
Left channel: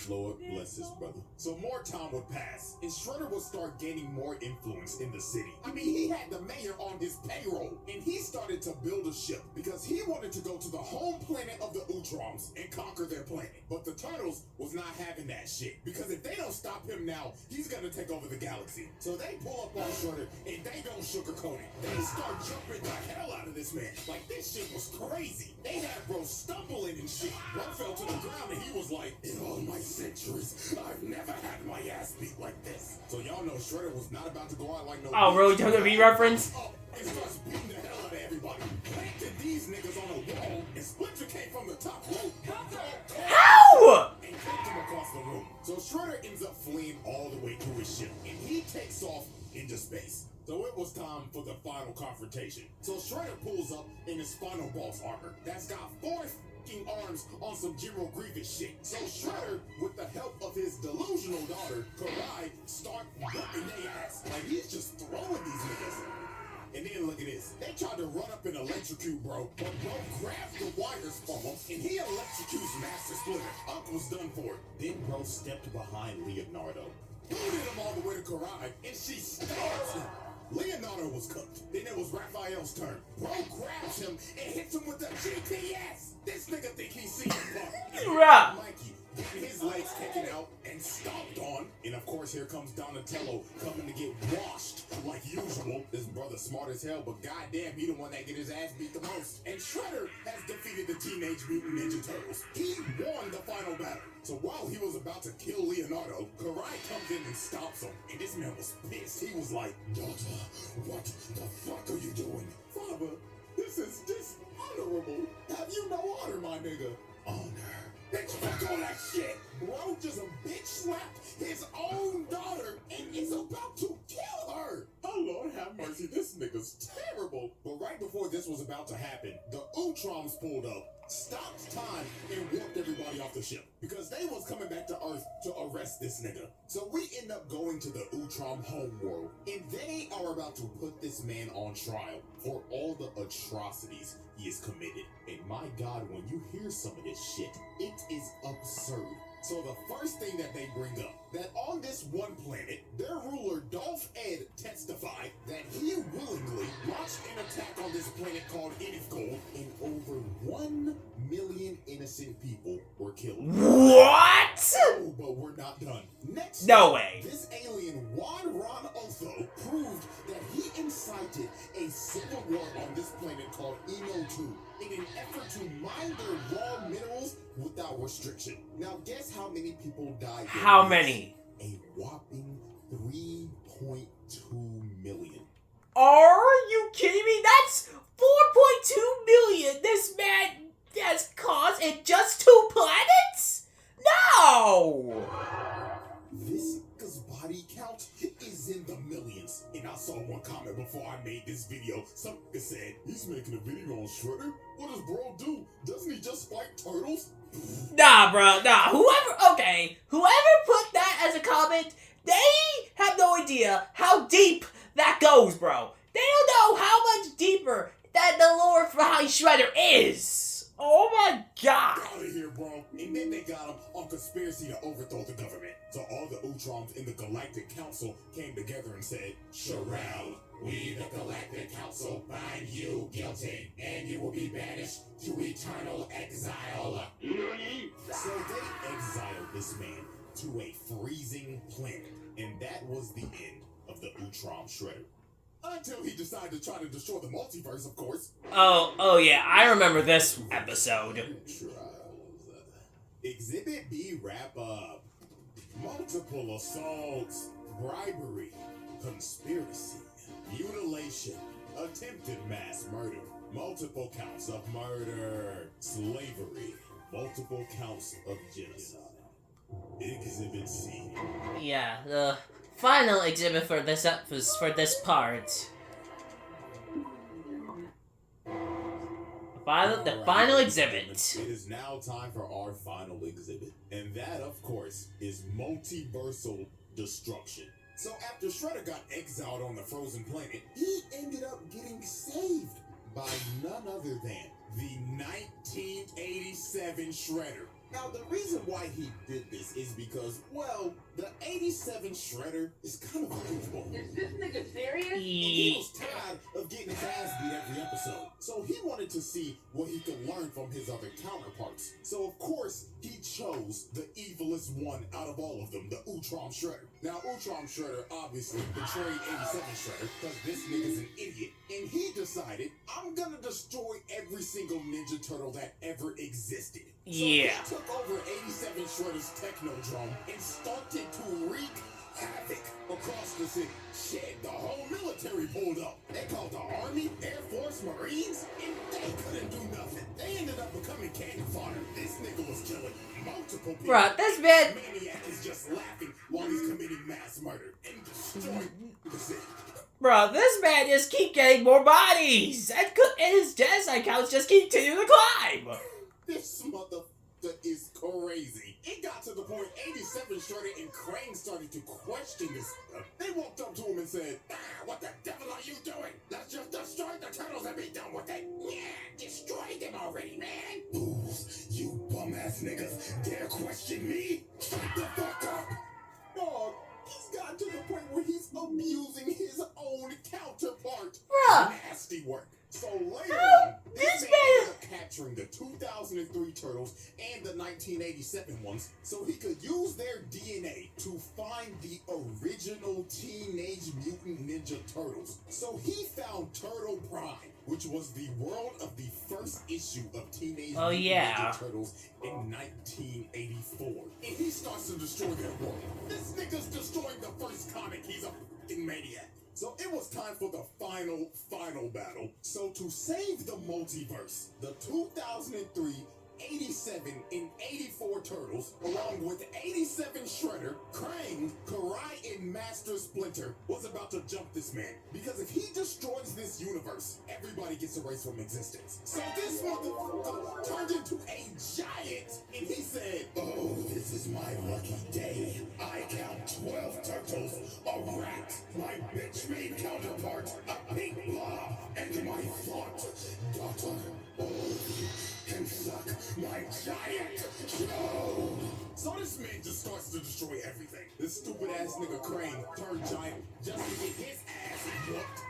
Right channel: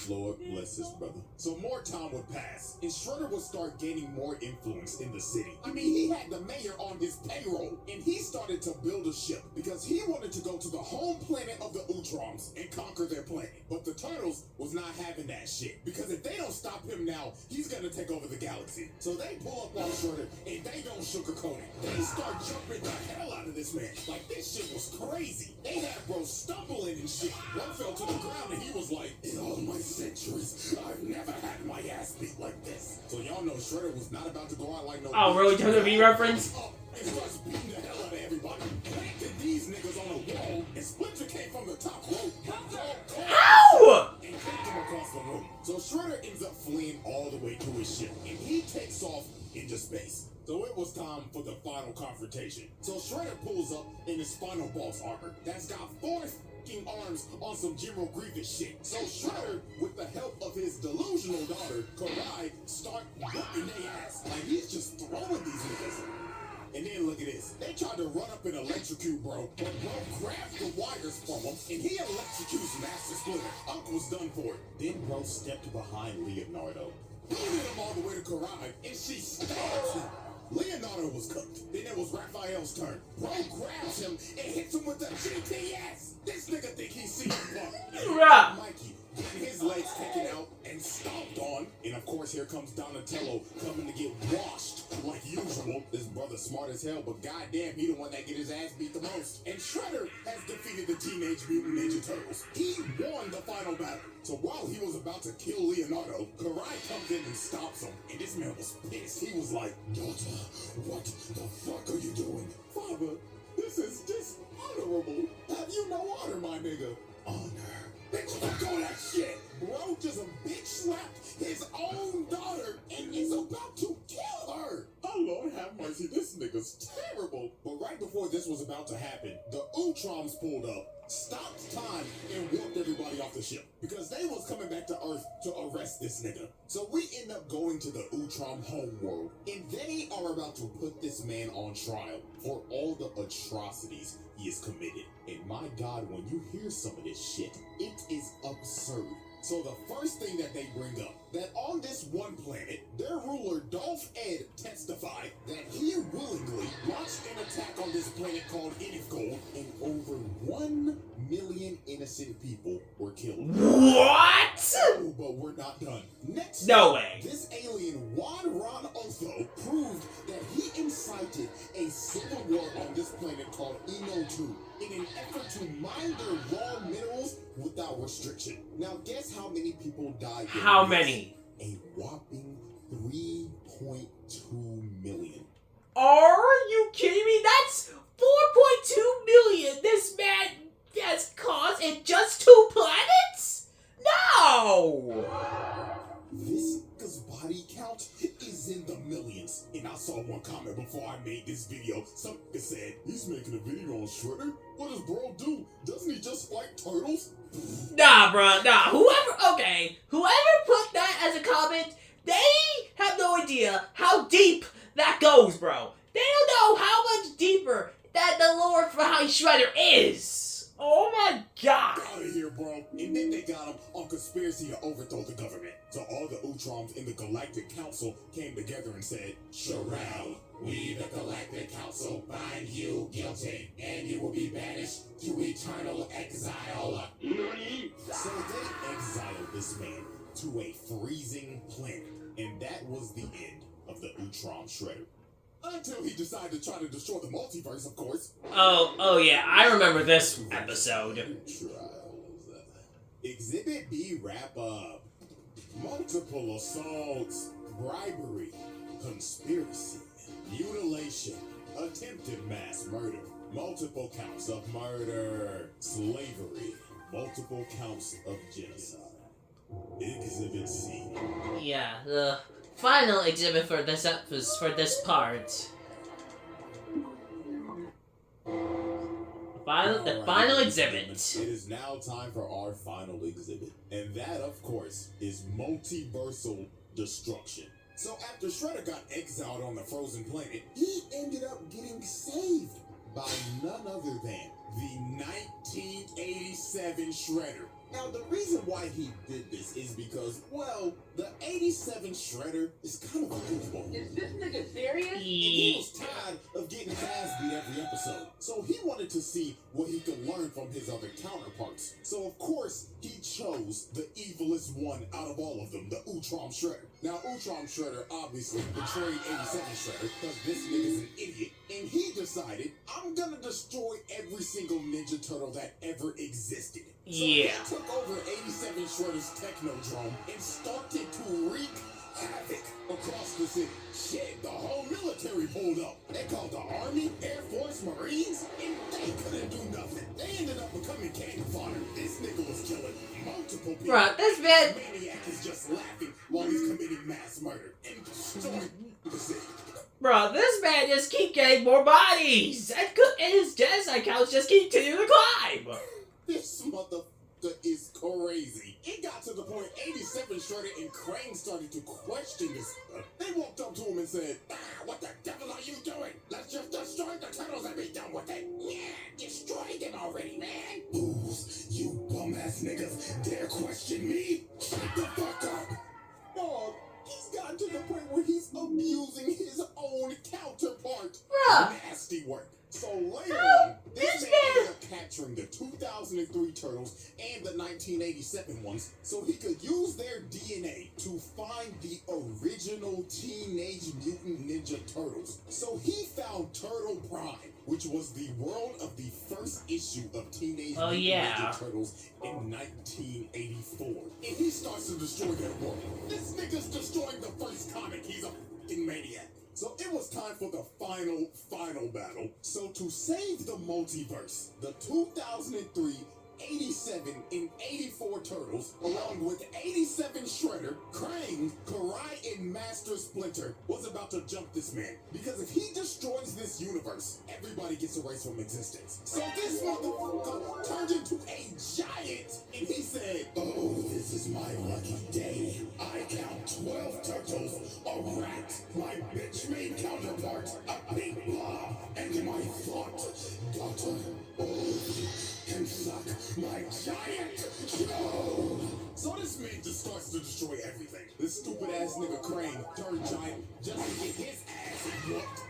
Lord bless his brother. So more time would pass, and Shredder would start gaining more influence in the city. I mean, he had the mayor on his payroll, and he started to build a ship because he wanted to go to the home planet of the Utroms and conquer their planet. But the Turtles was not having that shit, because if they don't stop him now, he's gonna take over the galaxy. So they pull up on Shredder, and they don't sugarcoat it. They start jumping the hell out of this man. Like, this shit was crazy. They had bro stumbling and shit. One fell to the ground, and he was like, in all my centuries, I've never had my ass beat like this. So y'all know Shredder was not about to go out like no. Oh, really? WWE reference? And starts beating the hell out of everybody. Planted these niggas on a wall, and Splinter came from the top rope. How? And kicked him across the room. So Shredder ends up fleeing all the way to his ship, and he takes off into space. So it was time for the final confrontation. So Shredder pulls up in his final boss armor that's got 4 arms on some General Grievous shit. So Shredder, with the help of his delusional daughter, Karai, start whooping their ass. Like, he's just throwing these niggas. And then look at this. They tried to run up and electrocute bro, but bro grabbed the wires from him, and he electrocutes Master Splinter. Uncle's done for it. Then bro stepped behind Leonardo. He hit him all the way to Karai, and she stabs him. Leonardo was cooked. Then it was Raphael's turn. Bro grabs him and hits him with the GPS. This nigga think he's seen Right. Mikey getting his legs taken out and stomped on. And of course, here comes Donatello coming to get washed like usual. This brother smart as hell, but goddamn, he the one that get his ass beat the most. And Shredder has defeated the Teenage Mutant Ninja Turtles. He won the final battle. So while he was about to kill Leonardo, Karai comes in and stops him. And this man was pissed. He was like, daughter, what the fuck are you doing? Father, this is dishonorable. Have you no honor, my nigga? Honor? Bitch, fuck all that shit. Bro just a bitch slapped his own daughter and is about to kill her. Oh, Lord have mercy. This nigga's terrible. But right before this was about to happen, the Utroms pulled up, stopped time, and whooped everybody off the ship because they was coming back to Earth to arrest this nigga. So we end up going to the Utrom homeworld, and they are about to put this man on trial for all the atrocities he has committed. And my God, when you hear some of this shit, it is absurd. So the first thing that they bring up, that on this one planet, their ruler Dolph Ed testified that he willingly launched an attack on this planet called Gold, and over 1 million innocent people were killed. What? not done. Next No up, way. this alien Juan Ron Otho proved that he incited a civil war on this planet called Eno 2 in an effort to mine their raw minerals without restriction. Now guess how many people died? How many? A whopping 3.2 million. Are you kidding me? That's 4.2 million this man has caused in just 2 planets? No! This nigga's body count is in the millions. And I saw one comment before I made this video. Some nigga said, he's making a video on Shredder? What does bro do? Doesn't he just fight turtles? Nah, bro, nah. Whoever put that as a comment, they have no idea how deep that goes, bro. They don't know how much deeper that the lore behind Shredder is. Oh my god. Get out of here, bro. And then they got him on conspiracy to overthrow the government. So all the Utroms in the Galactic Council came together and said, Shoutout, we the Galactic Council find you guilty, and you will be banished to eternal exile. So they exiled this man to a freezing planet, and that was the end of the Urtom Shedder. Until he decided to try to destroy the multiverse, of course. Oh yeah, I remember this episode. Trials. Exhibit B wrap up. Multiple assaults, bribery, conspiracy, mutilation, attempted mass murder, multiple counts of murder, slavery, multiple counts of genocide. Exhibit C. Yeah, the final exhibit for this part. The final exhibit. It is now time for our final exhibit. And that, of course, is multiversal destruction. So after Shredder got exiled on the frozen planet, he ended up getting saved by none other than the 1987 Shredder. Now, the reason why he did this is because, well, the 87 Shredder is kind of a goofball. Is this nigga serious? And he was tired of getting his ass beat every episode. So he wanted to see what he could learn from his other counterparts. So of course, he chose the evilest one out of all of them, the Urtom Shedder. Now, Urtom Shedder obviously betrayed 87 Shredder because this nigga's an idiot. And he decided, I'm gonna destroy every single Ninja Turtle that ever existed. So Yeah. he took over 87 Shredder's Technodrome and started to wreak havoc across the city. Shit, the whole military pulled up. They called the Army, Air Force, Marines, and they couldn't do nothing. They ended up becoming cannon fodder. This nigga was killing multiple people. Bruh, this man... Maniac is just laughing while he's committing mass murder and destroying the city. Bro, this man just keep getting more bodies! And his genocide counts just continue to climb! This motherfucker is crazy. It got to the point 87 Shredder and Krang started to question this stuff. They walked up to him and said, what the devil are you doing? Let's just destroy the turtles and be done with it. Yeah, destroy them already, man. Booze, you bum-ass niggas dare question me? Shut the fuck up. Dog, he's gotten to the point where he's abusing his own counterpart. Bruh. Nasty work. So later on, this This man ended up capturing the 2003 turtles and the 1987 ones so he could use their DNA to find the original Teenage Mutant Ninja Turtles. So he found Turtle Prime, which was the world of the first issue of Teenage Mutant Ninja Turtles in 1984. And he starts to destroy their world. This nigga's destroying the first comic. He's a f***ing maniac. So it was time for the final battle. So to save the multiverse, the 2003, 87, and 84 Turtles, along with 87 Shredder, Krang, Karai, and Master Splinter, was about to jump this man. Because if he destroys this universe, everybody gets erased from existence. So this motherfucker turned into a giant, and he said, oh, this is my lucky day. I count 12 turtles, a rat, my bitch-made counterpart, a pink blob, and my thought daughter. Oh, can suck my giant show. So this man just starts to destroy everything. This stupid ass nigga Krang turned giant just to get his ass whooped.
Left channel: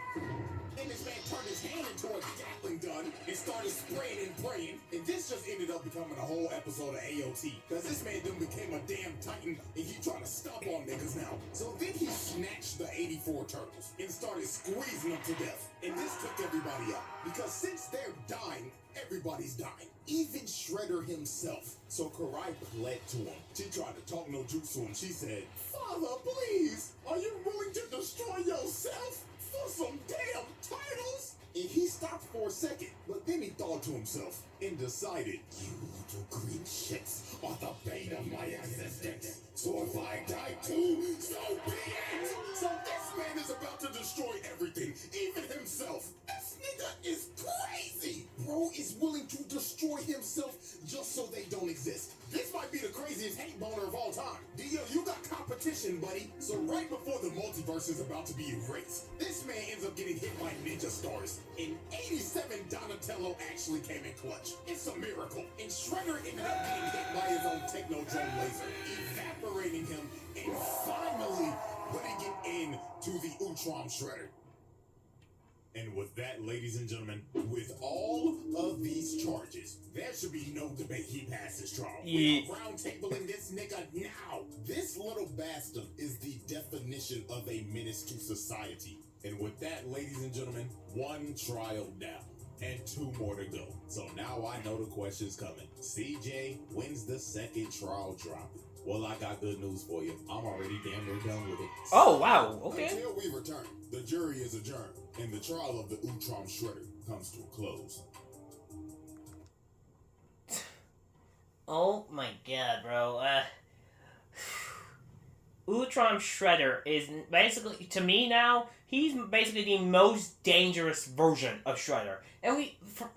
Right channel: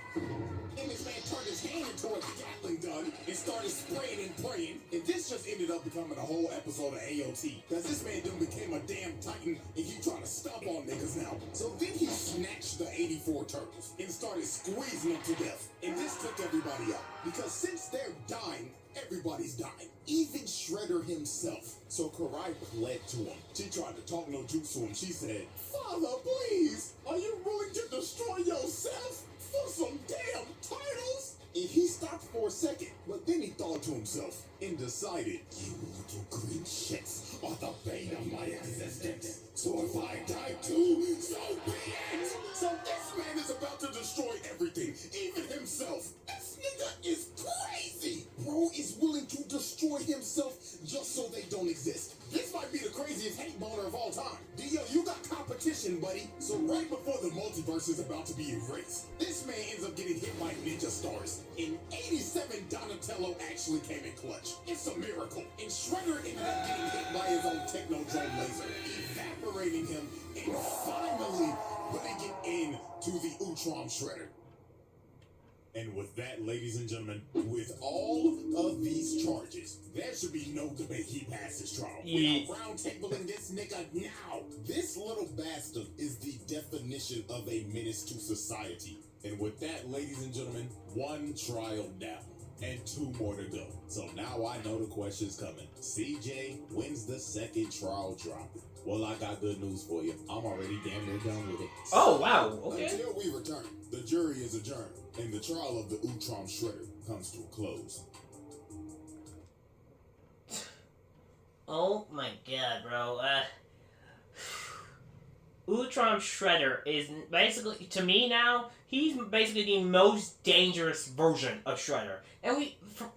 Then this man turned his hand into a Gatling gun and started spraying and praying. And this just ended up becoming a whole episode of AOT. Cause this man done became a damn titan and he trying to stomp on niggas now. So then he snatched the 84 turtles and started squeezing them to death. And this took everybody out. Because since they're dying, everybody's dying. Even Shredder himself. So Karai pled to him. She tried to talk no juice to him. She said, "Father, please, are you willing to destroy yourself for some damn titles?" And he stopped for a second, but then he thought to himself and decided, "You little green shits are the bane of my existence. So if I die too, so be it." So this man is about to destroy everything, even himself. This nigga is crazy. Bro is willing to destroy himself just so they don't exist. This might be the craziest hate boner of all time. Dio, you got competition, buddy. So right before the multiverse is about to be erased, this man ends up getting hit by ninja stars. In 87, Donatello actually came in clutch. It's a miracle. And Shredder ended up getting hit by his own Technodrome laser, evaporating him and finally putting it into the Urtom Shedder. And with that, ladies and gentlemen, with all of these charges, there should be no debate he passes trial. We are roundtabling this nigga now. This little bastard is the definition of a menace to society. And with that, ladies and gentlemen, one trial down and two more to go. So now I know the question's coming. CJ, when's the second trial dropping? Well, I got good news for you. I'm already damn near done with it. Oh, wow. Okay. Until we return, the jury is adjourned, and the trial of the Urtom Shedder comes to a close. Oh my god, bro. Urtom Shedder is basically, to me now, he's basically the most dangerous version of Shredder. And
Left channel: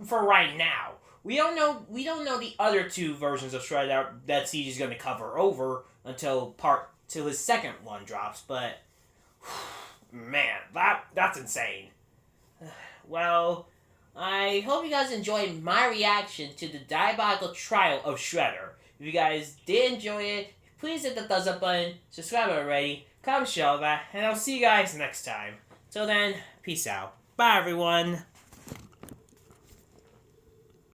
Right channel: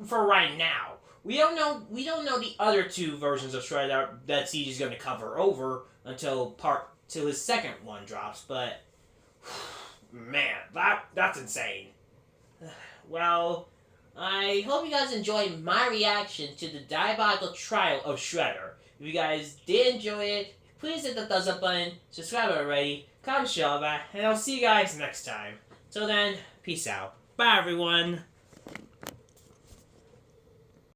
for right now, we don't know the other two versions of Shredder that Siege is going to cover over until his second one drops, but man, that's insane. Well, I hope you guys enjoyed my reaction to the diabolical trial of Shredder. If you guys did enjoy it, please hit the thumbs up button, subscribe already, comment, share, and I'll see you guys next time. Till then, peace out. Bye, everyone.